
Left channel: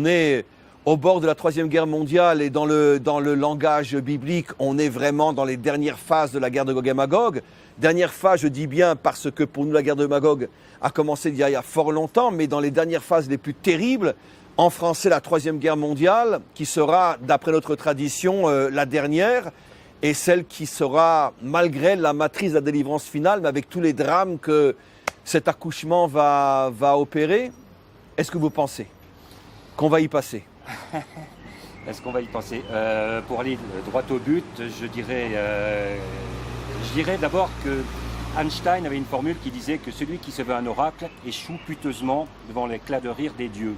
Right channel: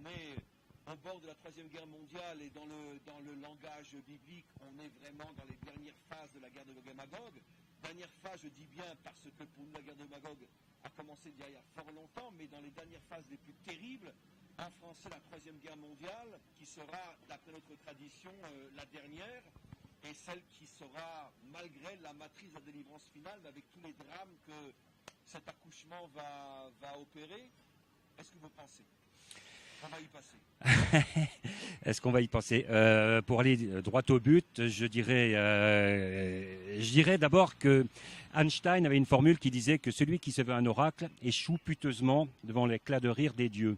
est au bord de la Troisième Guerre mondiale et dans le langage biblique, on est vraiment dans les dernières phases de la guerre de Gog et Magog? Dernière phase, je dis bien, parce que pour nous, la guerre de Magog a commencé il y a fort longtemps, mais dans les dernières phases les plus terribles, en français, la Troisième Guerre mondiale, qui sera, d'après notre tradition, la dernière, et celle qui sera, malgré la matrice de la délivrance finale, mais avec tous les drames que cet accouchement va opérer. Est-ce que vous pensez qu'on va y passer? Est-ce qu'on va y penser? Pour aller droit au but, je dirais d'abord que Einstein avait une formule qui disait que celui qui se veut un oracle échoue piteusement devant l'éclat de rire des dieux.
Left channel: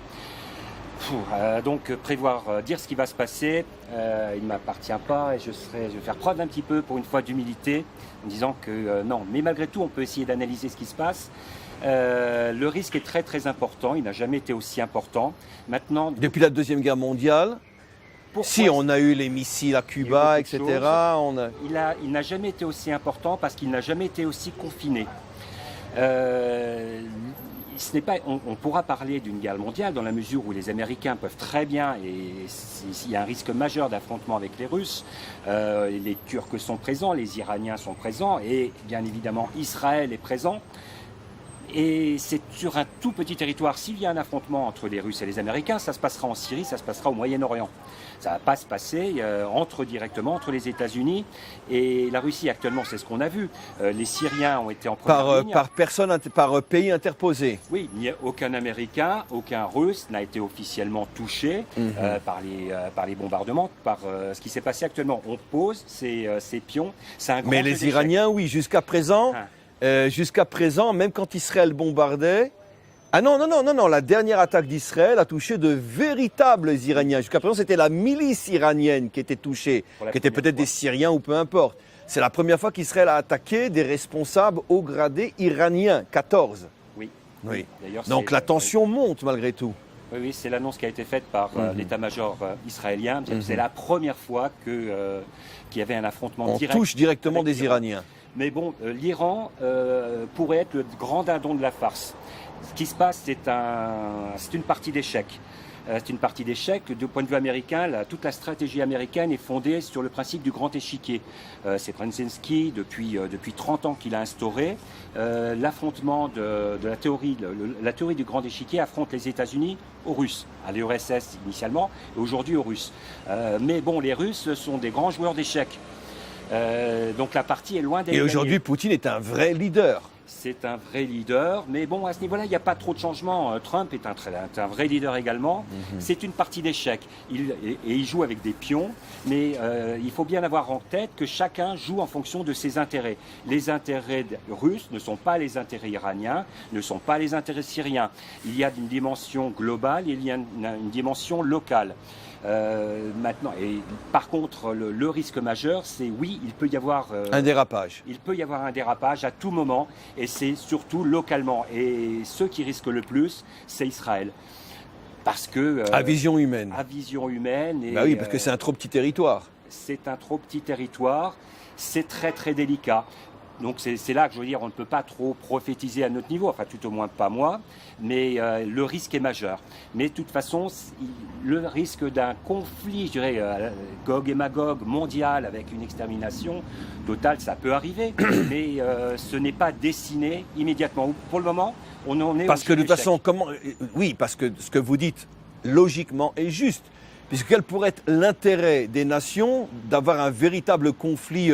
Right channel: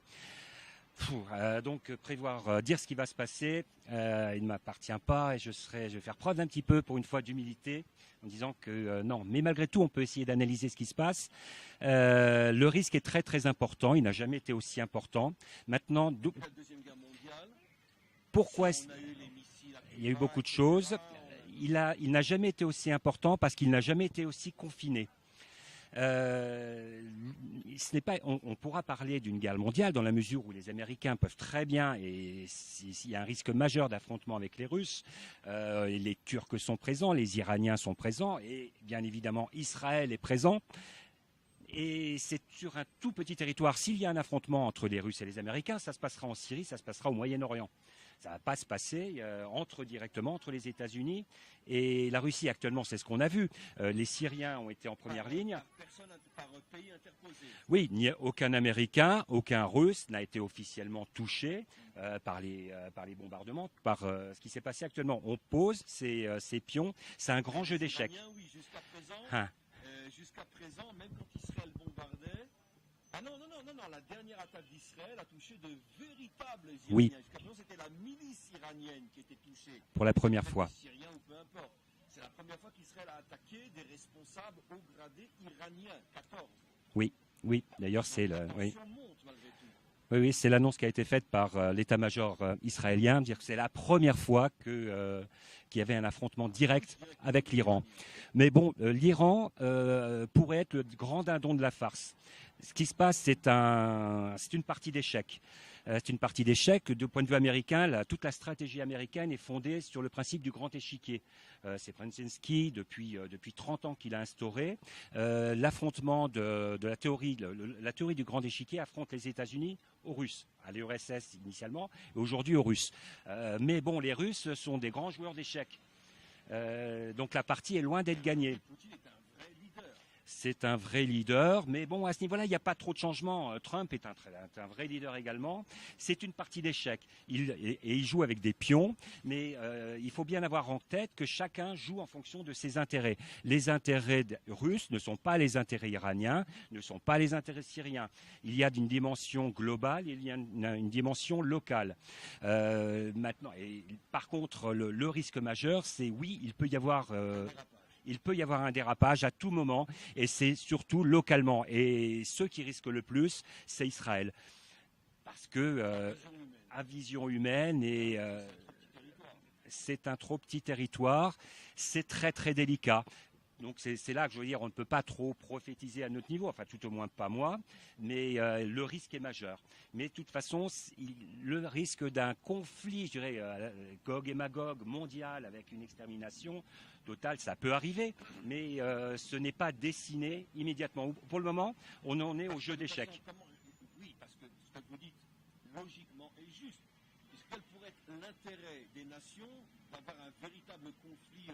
Donc dire ce qui va se passer, il ne m'appartient pas et je vais faire preuve un petit peu pour une fois d'humilité en disant que non, mais malgré tout on peut essayer d'analyser ce qui se passe. Le risque est très très important, il n'a jamais été aussi important. Maintenant, depuis la Deuxième Guerre mondiale, on a eu les missiles à Cuba, etc. Il n'a jamais été aussi important parce qu'il n'a jamais été aussi confiné. On pourra parler d'une guerre mondiale dans la mesure où les Américains peuvent très bien, et il y a un risque majeur d'affrontement avec les Russes, les Turcs sont présents, les Iraniens sont présents et bien évidemment Israël est présent. Et c'est sur un tout petit territoire. S'il y a un affrontement entre les Russes et les Américains, ça se passera en Syrie, ça se passera au Moyen-Orient. Ça ne va pas se passer directement entre les États-Unis et la Russie. Actuellement, c'est ce qu'on a vu. Les Syriens ont été en première ligne. Par pays interposé. Oui, il n'y a aucun Américain, aucun Russe n'a été officiellement touché par les bombardements, par ce qui s'est passé actuellement. On pose ces pions. C'est un grand Mais les Iraniens, oui, jusqu'à présent... Jusqu'à présent, même quand Israël bombardait... Ah non, la dernière attaque d'Israël a touché de véritables Iraniens. Oui. Jusqu'à présent, c'était la milice iranienne qui était touchée, qui était peut-être des Syriens ou peu importe. C'est la première fois qu'Israël a attaqué des responsables haut gradés iraniens, 14. Oui. Donc la tension monte malgré tout. Oui, oui, c'est l'annonce qui a été faite par l'état-major israélien. C'est la première fois qu'il y avait un affrontement On direct. touche directement avec des l'Iran. Iraniens. Mais bon, l'Iran pourrait être le grand dindon de la farce. Ce qui se passe, c'est une partie d'échec. C'est une partie d'échec. Du point de vue américain, toute la stratégie américaine est fondée sur le principe du grand échiquier. C'est Brzezinski, depuis 30 ans qu'il a instauré. L'affrontement de la théorie, la théorie du grand échiquier affronte les États-Unis aux Russes, à l'URSS initialement, et aujourd'hui aux Russes. Mais bon, les Russes sont des grands joueurs d'échecs. Donc la partie est loin d'être Et gagnée. aujourd'hui, Poutine est un vrai leader. C'est un vrai leader, mais bon, à ce niveau-là, il n'y a pas trop de changements. Trump est un vrai leader également. C'est une partie d'échec. Il joue avec des pions, mais il faut bien avoir en tête que chacun joue en fonction de ses intérêts. Les intérêts russes ne sont pas les intérêts iraniens, ne sont pas les intérêts syriens. Il y a une dimension globale, il y a une dimension locale. Maintenant, et par contre, le risque majeur, c'est oui, il peut y avoir Un dérapage. il peut y avoir un dérapage à tout moment, et c'est surtout localement. Et ceux qui risquent le plus, c'est Israël. Parce que... À vision humaine. à vision humaine. Et, Bah oui, parce que c'est un trop petit territoire. c'est un trop petit territoire, c'est très très délicat. Donc c'est là que je veux dire, on ne peut pas trop prophétiser à notre niveau, enfin tout au moins pas moi, mais le risque est majeur. Mais de toute façon, le risque d'un conflit, je dirais, Gog et Magog mondial avec une extermination totale, ça peut arriver, mais ce n'est pas dessiné immédiatement. Pour le moment, on en est Parce au que de toute échec. façon, oui, parce que ce que vous dites, logiquement, est juste. Puisque quel pourrait être l'intérêt des nations d'avoir un véritable conflit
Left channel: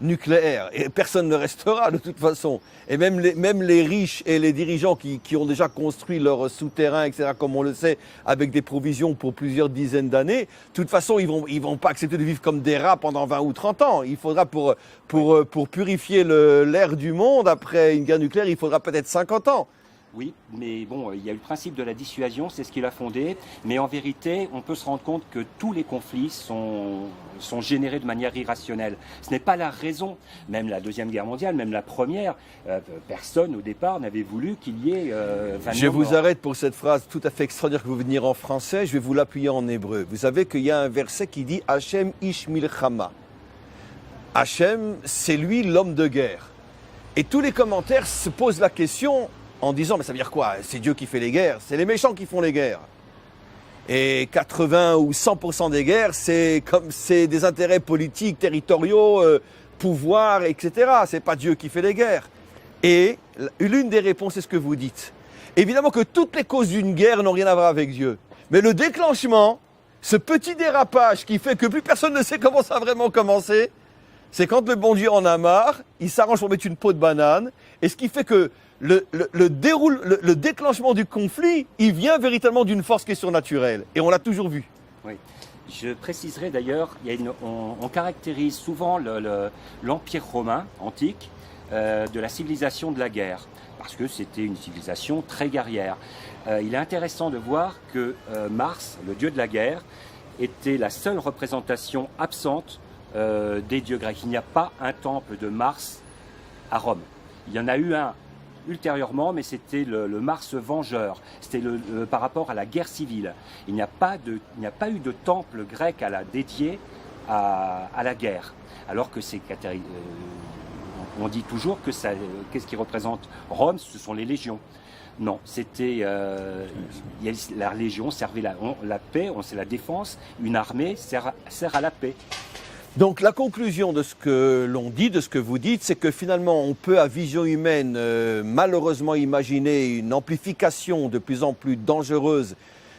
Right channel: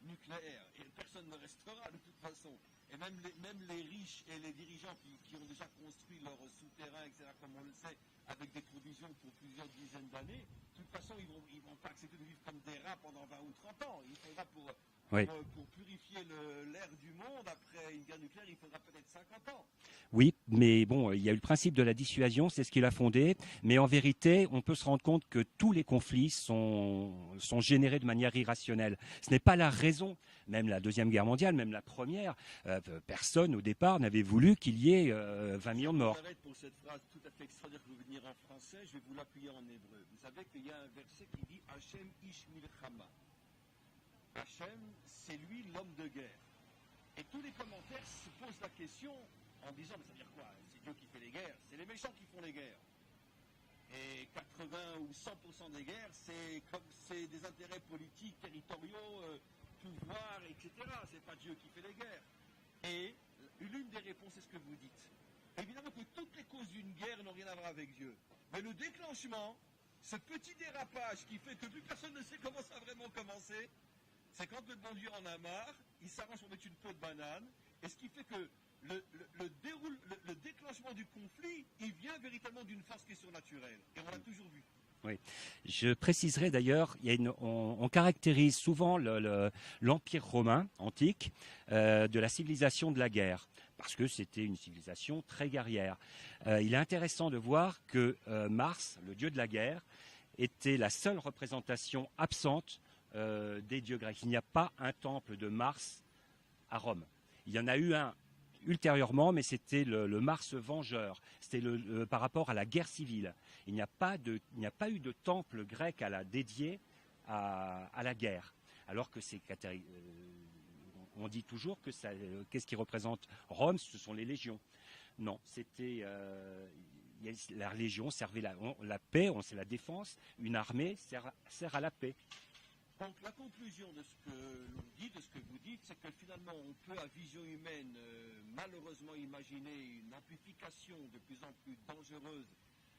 nucléaire? Et personne ne restera de toute façon. Et même les riches et les dirigeants qui ont déjà construit leur souterrain, etc., comme on le sait, avec des provisions pour plusieurs dizaines d'années, de toute façon, ils vont pas accepter de vivre comme des rats pendant 20 ou 30 ans. Il faudra, pour purifier l'air du monde après une guerre nucléaire, il faudra peut-être 50 ans. Oui, mais bon, il y a eu le principe de la dissuasion, c'est ce qu'il a fondé. Mais en vérité, on peut se rendre compte que tous les conflits sont générés de manière irrationnelle. Ce n'est pas la raison. Même la Deuxième Guerre mondiale, même la Première, personne au départ n'avait voulu qu'il y ait 20 Je vous morts. arrête pour cette phrase tout à fait extraordinaire que vous venez dire en français. Je vais vous l'appuyer en hébreu. Vous savez qu'il y a un verset qui dit « Hachem ish milchama ». Hachem, c'est lui l'homme de guerre. Et tous les commentaires se posent la question en disant « Mais ça veut dire quoi? C'est Dieu qui fait les guerres, c'est les méchants qui font les guerres. » Et 80 ou 100% des guerres, c'est des intérêts politiques, territoriaux, pouvoir, etc. C'est pas Dieu qui fait les guerres. Et l'une des réponses, c'est ce que vous dites. Évidemment que toutes les causes d'une guerre n'ont rien à voir avec Dieu. Mais le déclenchement, ce petit dérapage qui fait que plus personne ne sait comment ça a vraiment commencé, c'est quand le bon Dieu en a marre, il s'arrange pour mettre une peau de banane. Et ce qui fait que le déclenchement du conflit, il vient véritablement d'une force qui est surnaturelle. Et on l'a toujours vu. Oui. Je préciserai d'ailleurs, on caractérise souvent l'Empire romain antique de la civilisation de la guerre, parce que c'était une civilisation très guerrière. Il est intéressant de voir que Mars, le dieu de la guerre, était la seule représentation absente des dieux grecs. Il n'y a pas un temple de Mars à Rome. Il y en a eu un ultérieurement, mais c'était le Mars vengeur. C'était par rapport à la guerre civile. Il n'y a pas eu de temple grec dédié à la guerre. Alors que on dit toujours que qu'est-ce qui représente Rome? Ce sont les légions. Non, c'était la légion servait la paix, c'est la défense. Une armée sert à la paix. Donc la conclusion de ce que l'on dit, de ce que vous dites, c'est que finalement on peut à vision humaine malheureusement imaginer une amplification de plus en plus dangereuse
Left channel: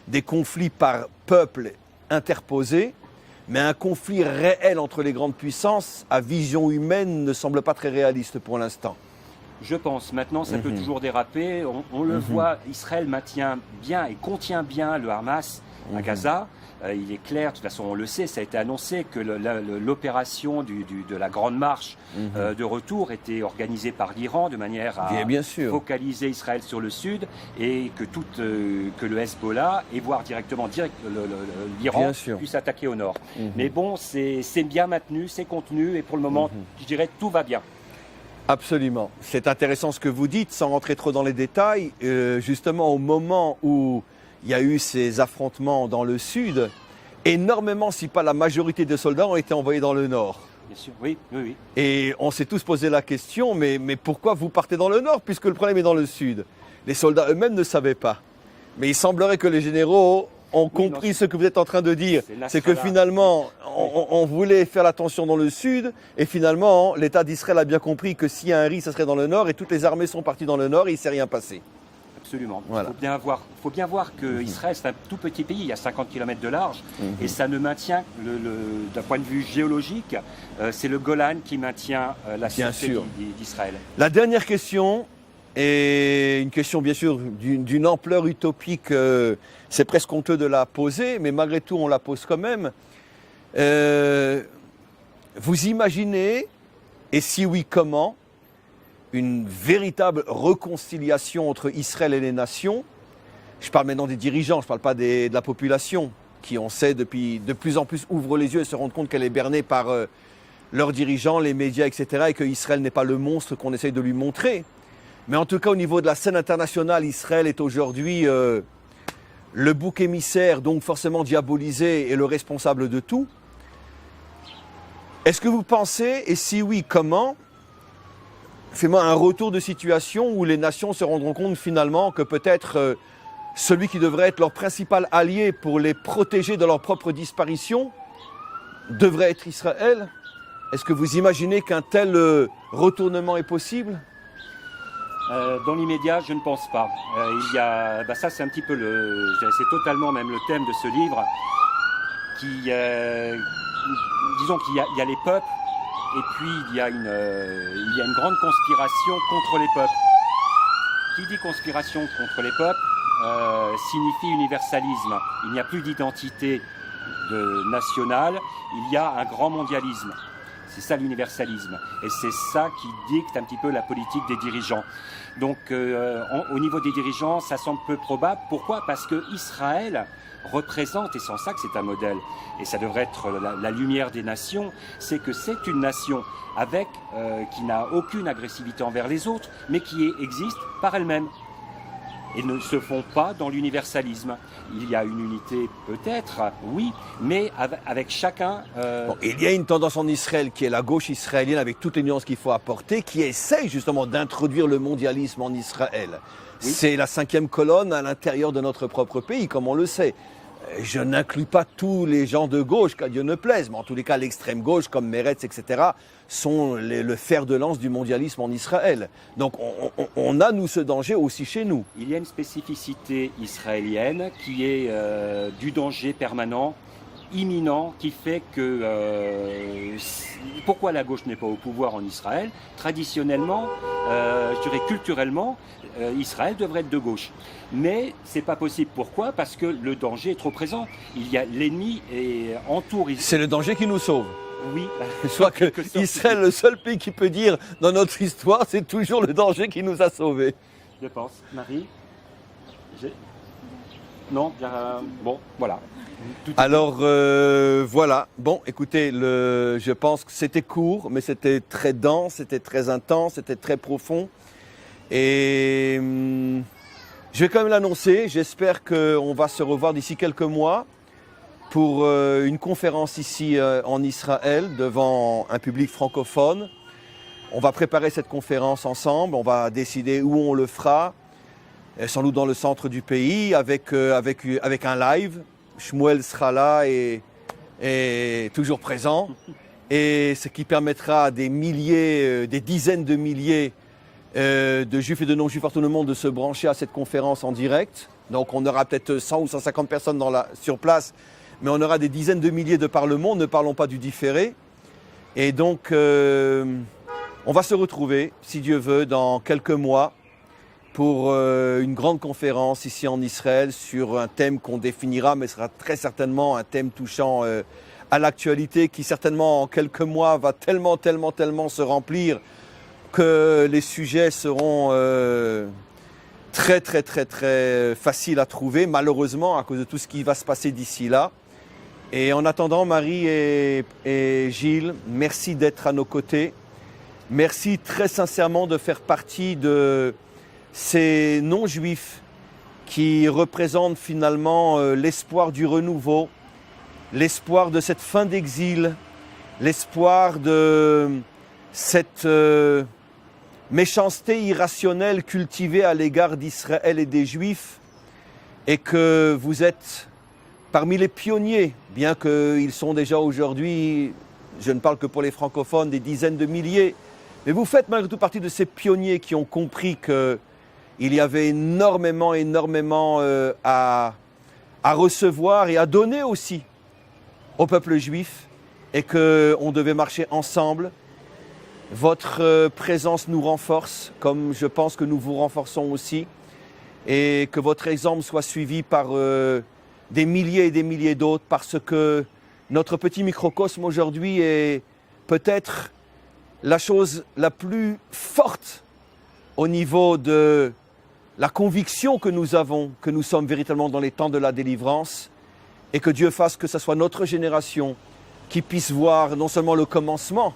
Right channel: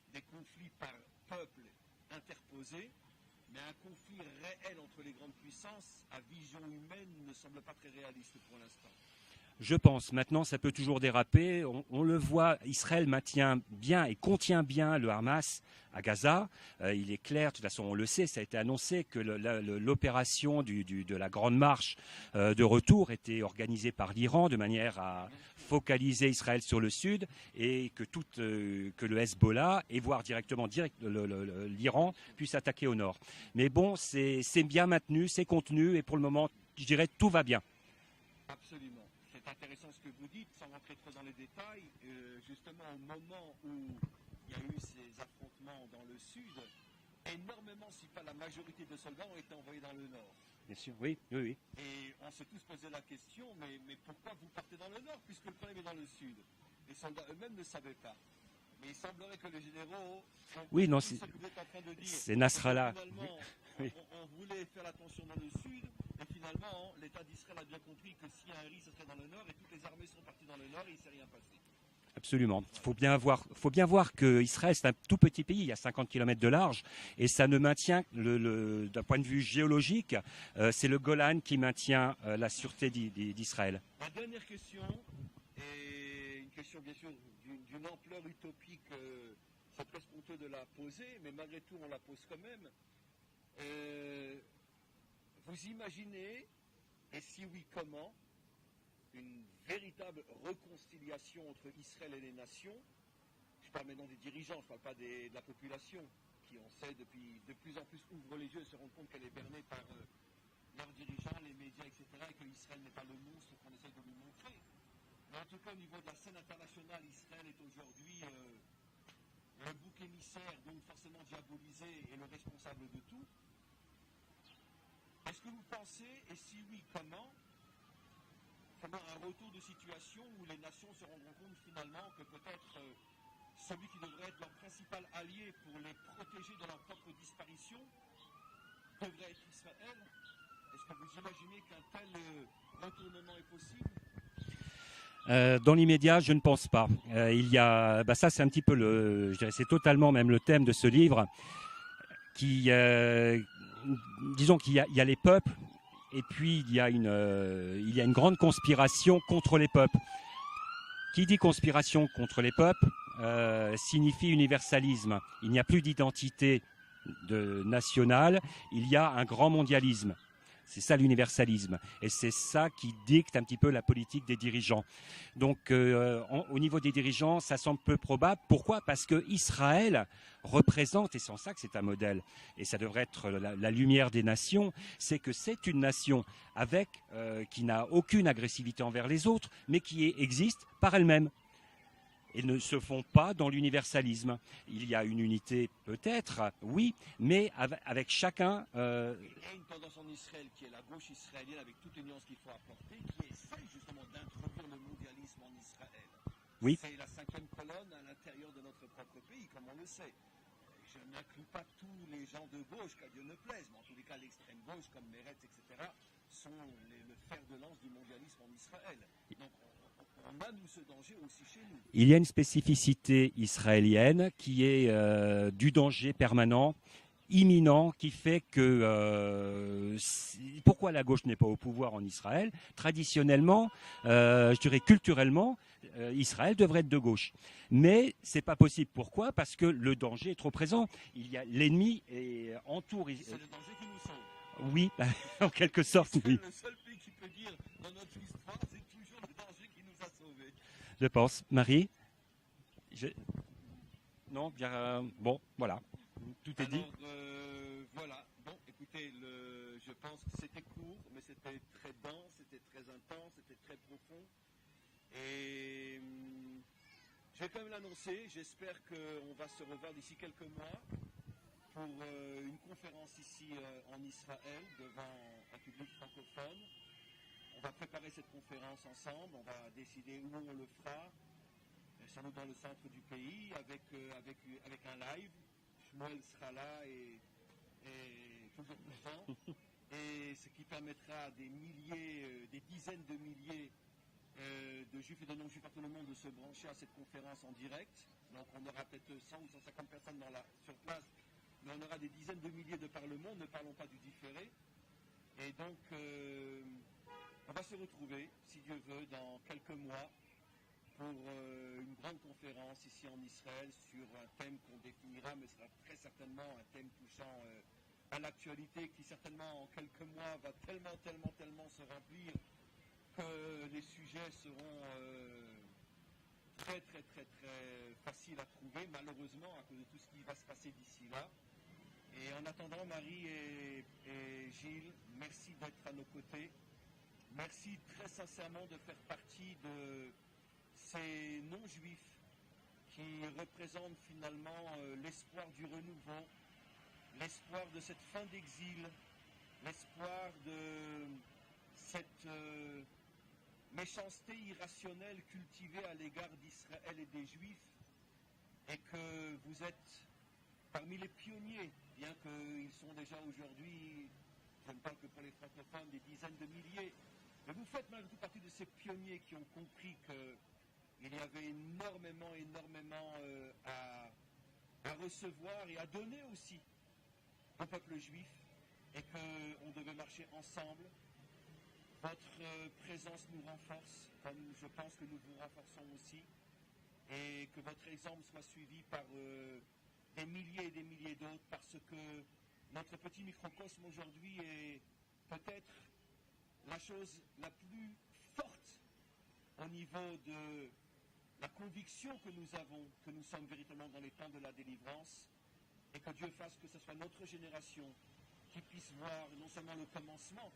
des conflits par peuples interposés, mais un conflit réel entre les grandes puissances à vision humaine ne semble pas très réaliste pour l'instant. Je pense. Maintenant, ça peut toujours déraper. On le voit, Israël maintient bien et contient bien le Hamas à Gaza. Il est clair, de toute façon on le sait, ça a été annoncé que l'opération de la Grande Marche de retour était organisée par l'Iran de manière à bien sûr. focaliser Israël sur le sud et que le Hezbollah et voire directement l'Iran puisse attaquer au nord. Mais bon, c'est bien maintenu, c'est contenu et pour le moment, je dirais tout va bien. Absolument. C'est intéressant ce que vous dites, sans rentrer trop dans les détails. Justement, au moment où il y a eu ces affrontements dans le sud, énormément, si pas la majorité des soldats, ont été envoyés dans le nord. Bien sûr, oui, oui, oui. Et on s'est tous posé la question, mais pourquoi vous partez dans le nord puisque le problème est dans le sud? Les soldats eux-mêmes ne savaient pas. Mais il semblerait que les généraux ont compris ce que vous êtes en train de dire. C'est que finalement, on voulait faire l'attention dans le sud, et finalement, l'État d'Israël a bien compris que s'il y a un risque, ça serait dans le nord, et toutes les armées sont parties dans le nord, et il ne s'est rien passé. Absolument. Voilà. Il faut bien voir qu'Israël, c'est un tout petit pays, il y a 50 km de large, et ça ne maintient, d'un point de vue géologique, c'est le Golan qui maintient la sûreté d'Israël. La dernière question est une question bien sûr d'une ampleur utopique, c'est presque honteux de la poser, mais malgré tout on la pose quand même. Vous imaginez, et si oui comment, une véritable réconciliation entre Israël et les nations? Je parle maintenant des dirigeants, je ne parle pas de la population, qui on sait depuis de plus en plus ouvre les yeux et se rend compte qu'elle est bernée par leurs dirigeants, les médias, etc. et que Israël n'est pas le monstre qu'on essaye de lui montrer. Mais en tout cas, au niveau de la scène internationale, Israël est aujourd'hui le bouc émissaire, donc forcément diabolisé et le responsable de tout. Est-ce que vous pensez, et si oui, comment, fais-moi un retour de situation où les nations se rendront compte finalement que peut-être celui qui devrait être leur principal allié pour les protéger de leur propre disparition devrait être Israël? Est-ce que vous imaginez qu'un tel retournement est possible? Dans l'immédiat, je ne pense pas. Ça c'est un petit peu c'est totalement même le thème de ce livre, disons qu'il y a les peuples, et puis il y a une grande conspiration contre les peuples. Qui dit conspiration contre les peuples signifie universalisme. Il n'y a plus d'identité nationale, il y a un grand mondialisme. C'est ça l'universalisme. Et c'est ça qui dicte un petit peu la politique des dirigeants. Donc au niveau des dirigeants, ça semble peu probable. Pourquoi? Parce que Israël représente, et c'est en ça que c'est un modèle, et ça devrait être la lumière des nations, c'est que c'est une nation qui n'a aucune agressivité envers les autres, mais qui existe par elle-même. Et ne se font pas dans l'universalisme. Il y a une unité peut-être, oui, mais avec chacun... Bon, il y a une tendance en Israël qui est la gauche israélienne, avec toutes les nuances qu'il faut apporter, qui essaye justement d'introduire le mondialisme en Israël. Oui. C'est la 5e colonne à l'intérieur de notre propre pays, comme on le sait. Je n'inclus pas tous les gens de gauche, qu'à Dieu ne plaise, mais en tous les cas, l'extrême gauche, comme Meretz, etc., sont le fer de lance du mondialisme en Israël. Donc on a, nous, ce danger aussi chez nous. Il y a une spécificité israélienne qui est du danger permanent, imminent, qui fait que... pourquoi la gauche n'est pas au pouvoir en Israël? Traditionnellement, je dirais culturellement, Israël devrait être de gauche. Mais c'est pas possible. Pourquoi? Parce que le danger est trop présent. Il y a l'ennemi et entoure Israël. C'est le danger qui nous sauve. Oui. Soit que Israël, le seul pays qui peut dire dans notre histoire, c'est toujours le danger qui nous a sauvés. Je pense. Marie? Non, bon, voilà. Alors voilà, bon écoutez, je pense que c'était court, mais c'était très dense, c'était très intense, c'était très profond. Et je vais quand même l'annoncer, j'espère qu'on va se revoir d'ici quelques mois pour une conférence ici en Israël devant un public francophone. On va préparer cette conférence ensemble, on va décider où on le fera, sans doute dans le centre du pays, avec un live. Shmuel sera là et toujours présent, et ce qui permettra à des milliers, des dizaines de milliers de juifs et de non-juifs partout dans le monde de se brancher à cette conférence en direct. Donc on aura peut-être 100 ou 150 personnes sur place, mais on aura des dizaines de milliers de par le monde, ne parlons pas du différé. Et donc on va se retrouver, si Dieu veut, dans quelques mois pour une grande conférence ici en Israël sur un thème qu'on définira, mais sera très certainement un thème touchant à l'actualité qui certainement en quelques mois va tellement se remplir que les sujets seront très faciles à trouver, malheureusement, à cause de tout ce qui va se passer d'ici là. Et en attendant, Marie et Gilles, merci d'être à nos côtés. Merci très sincèrement de faire partie de ces non-juifs qui représente finalement l'espoir du renouveau, l'espoir de cette fin d'exil, l'espoir de cette méchanceté irrationnelle cultivée à l'égard d'Israël et des Juifs, et que vous êtes parmi les pionniers, bien qu'ils sont déjà aujourd'hui, je ne parle que pour les francophones, des dizaines de milliers, mais vous faites malgré tout partie de ces pionniers qui ont compris qu'il y avait énormément à recevoir et à donner aussi au peuple juif, et qu'on devait marcher ensemble. Votre présence nous renforce, comme je pense que nous vous renforçons aussi, et que votre exemple soit suivi par des milliers et des milliers d'autres, parce que notre petit microcosme aujourd'hui est peut-être la chose la plus forte au niveau de la conviction que nous avons, que nous sommes véritablement dans les temps de la délivrance, et que Dieu fasse que ce soit notre génération qui puisse voir non seulement le commencement,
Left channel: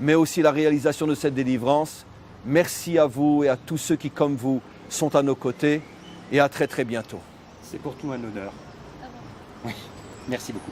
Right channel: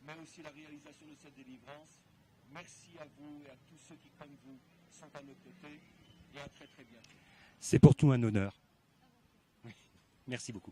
mais aussi la réalisation de cette délivrance. Merci à vous et à tous ceux qui, comme vous, sont à nos côtés, et à très très bientôt. C'est pour tout un honneur. Ah bon. Oui, merci beaucoup.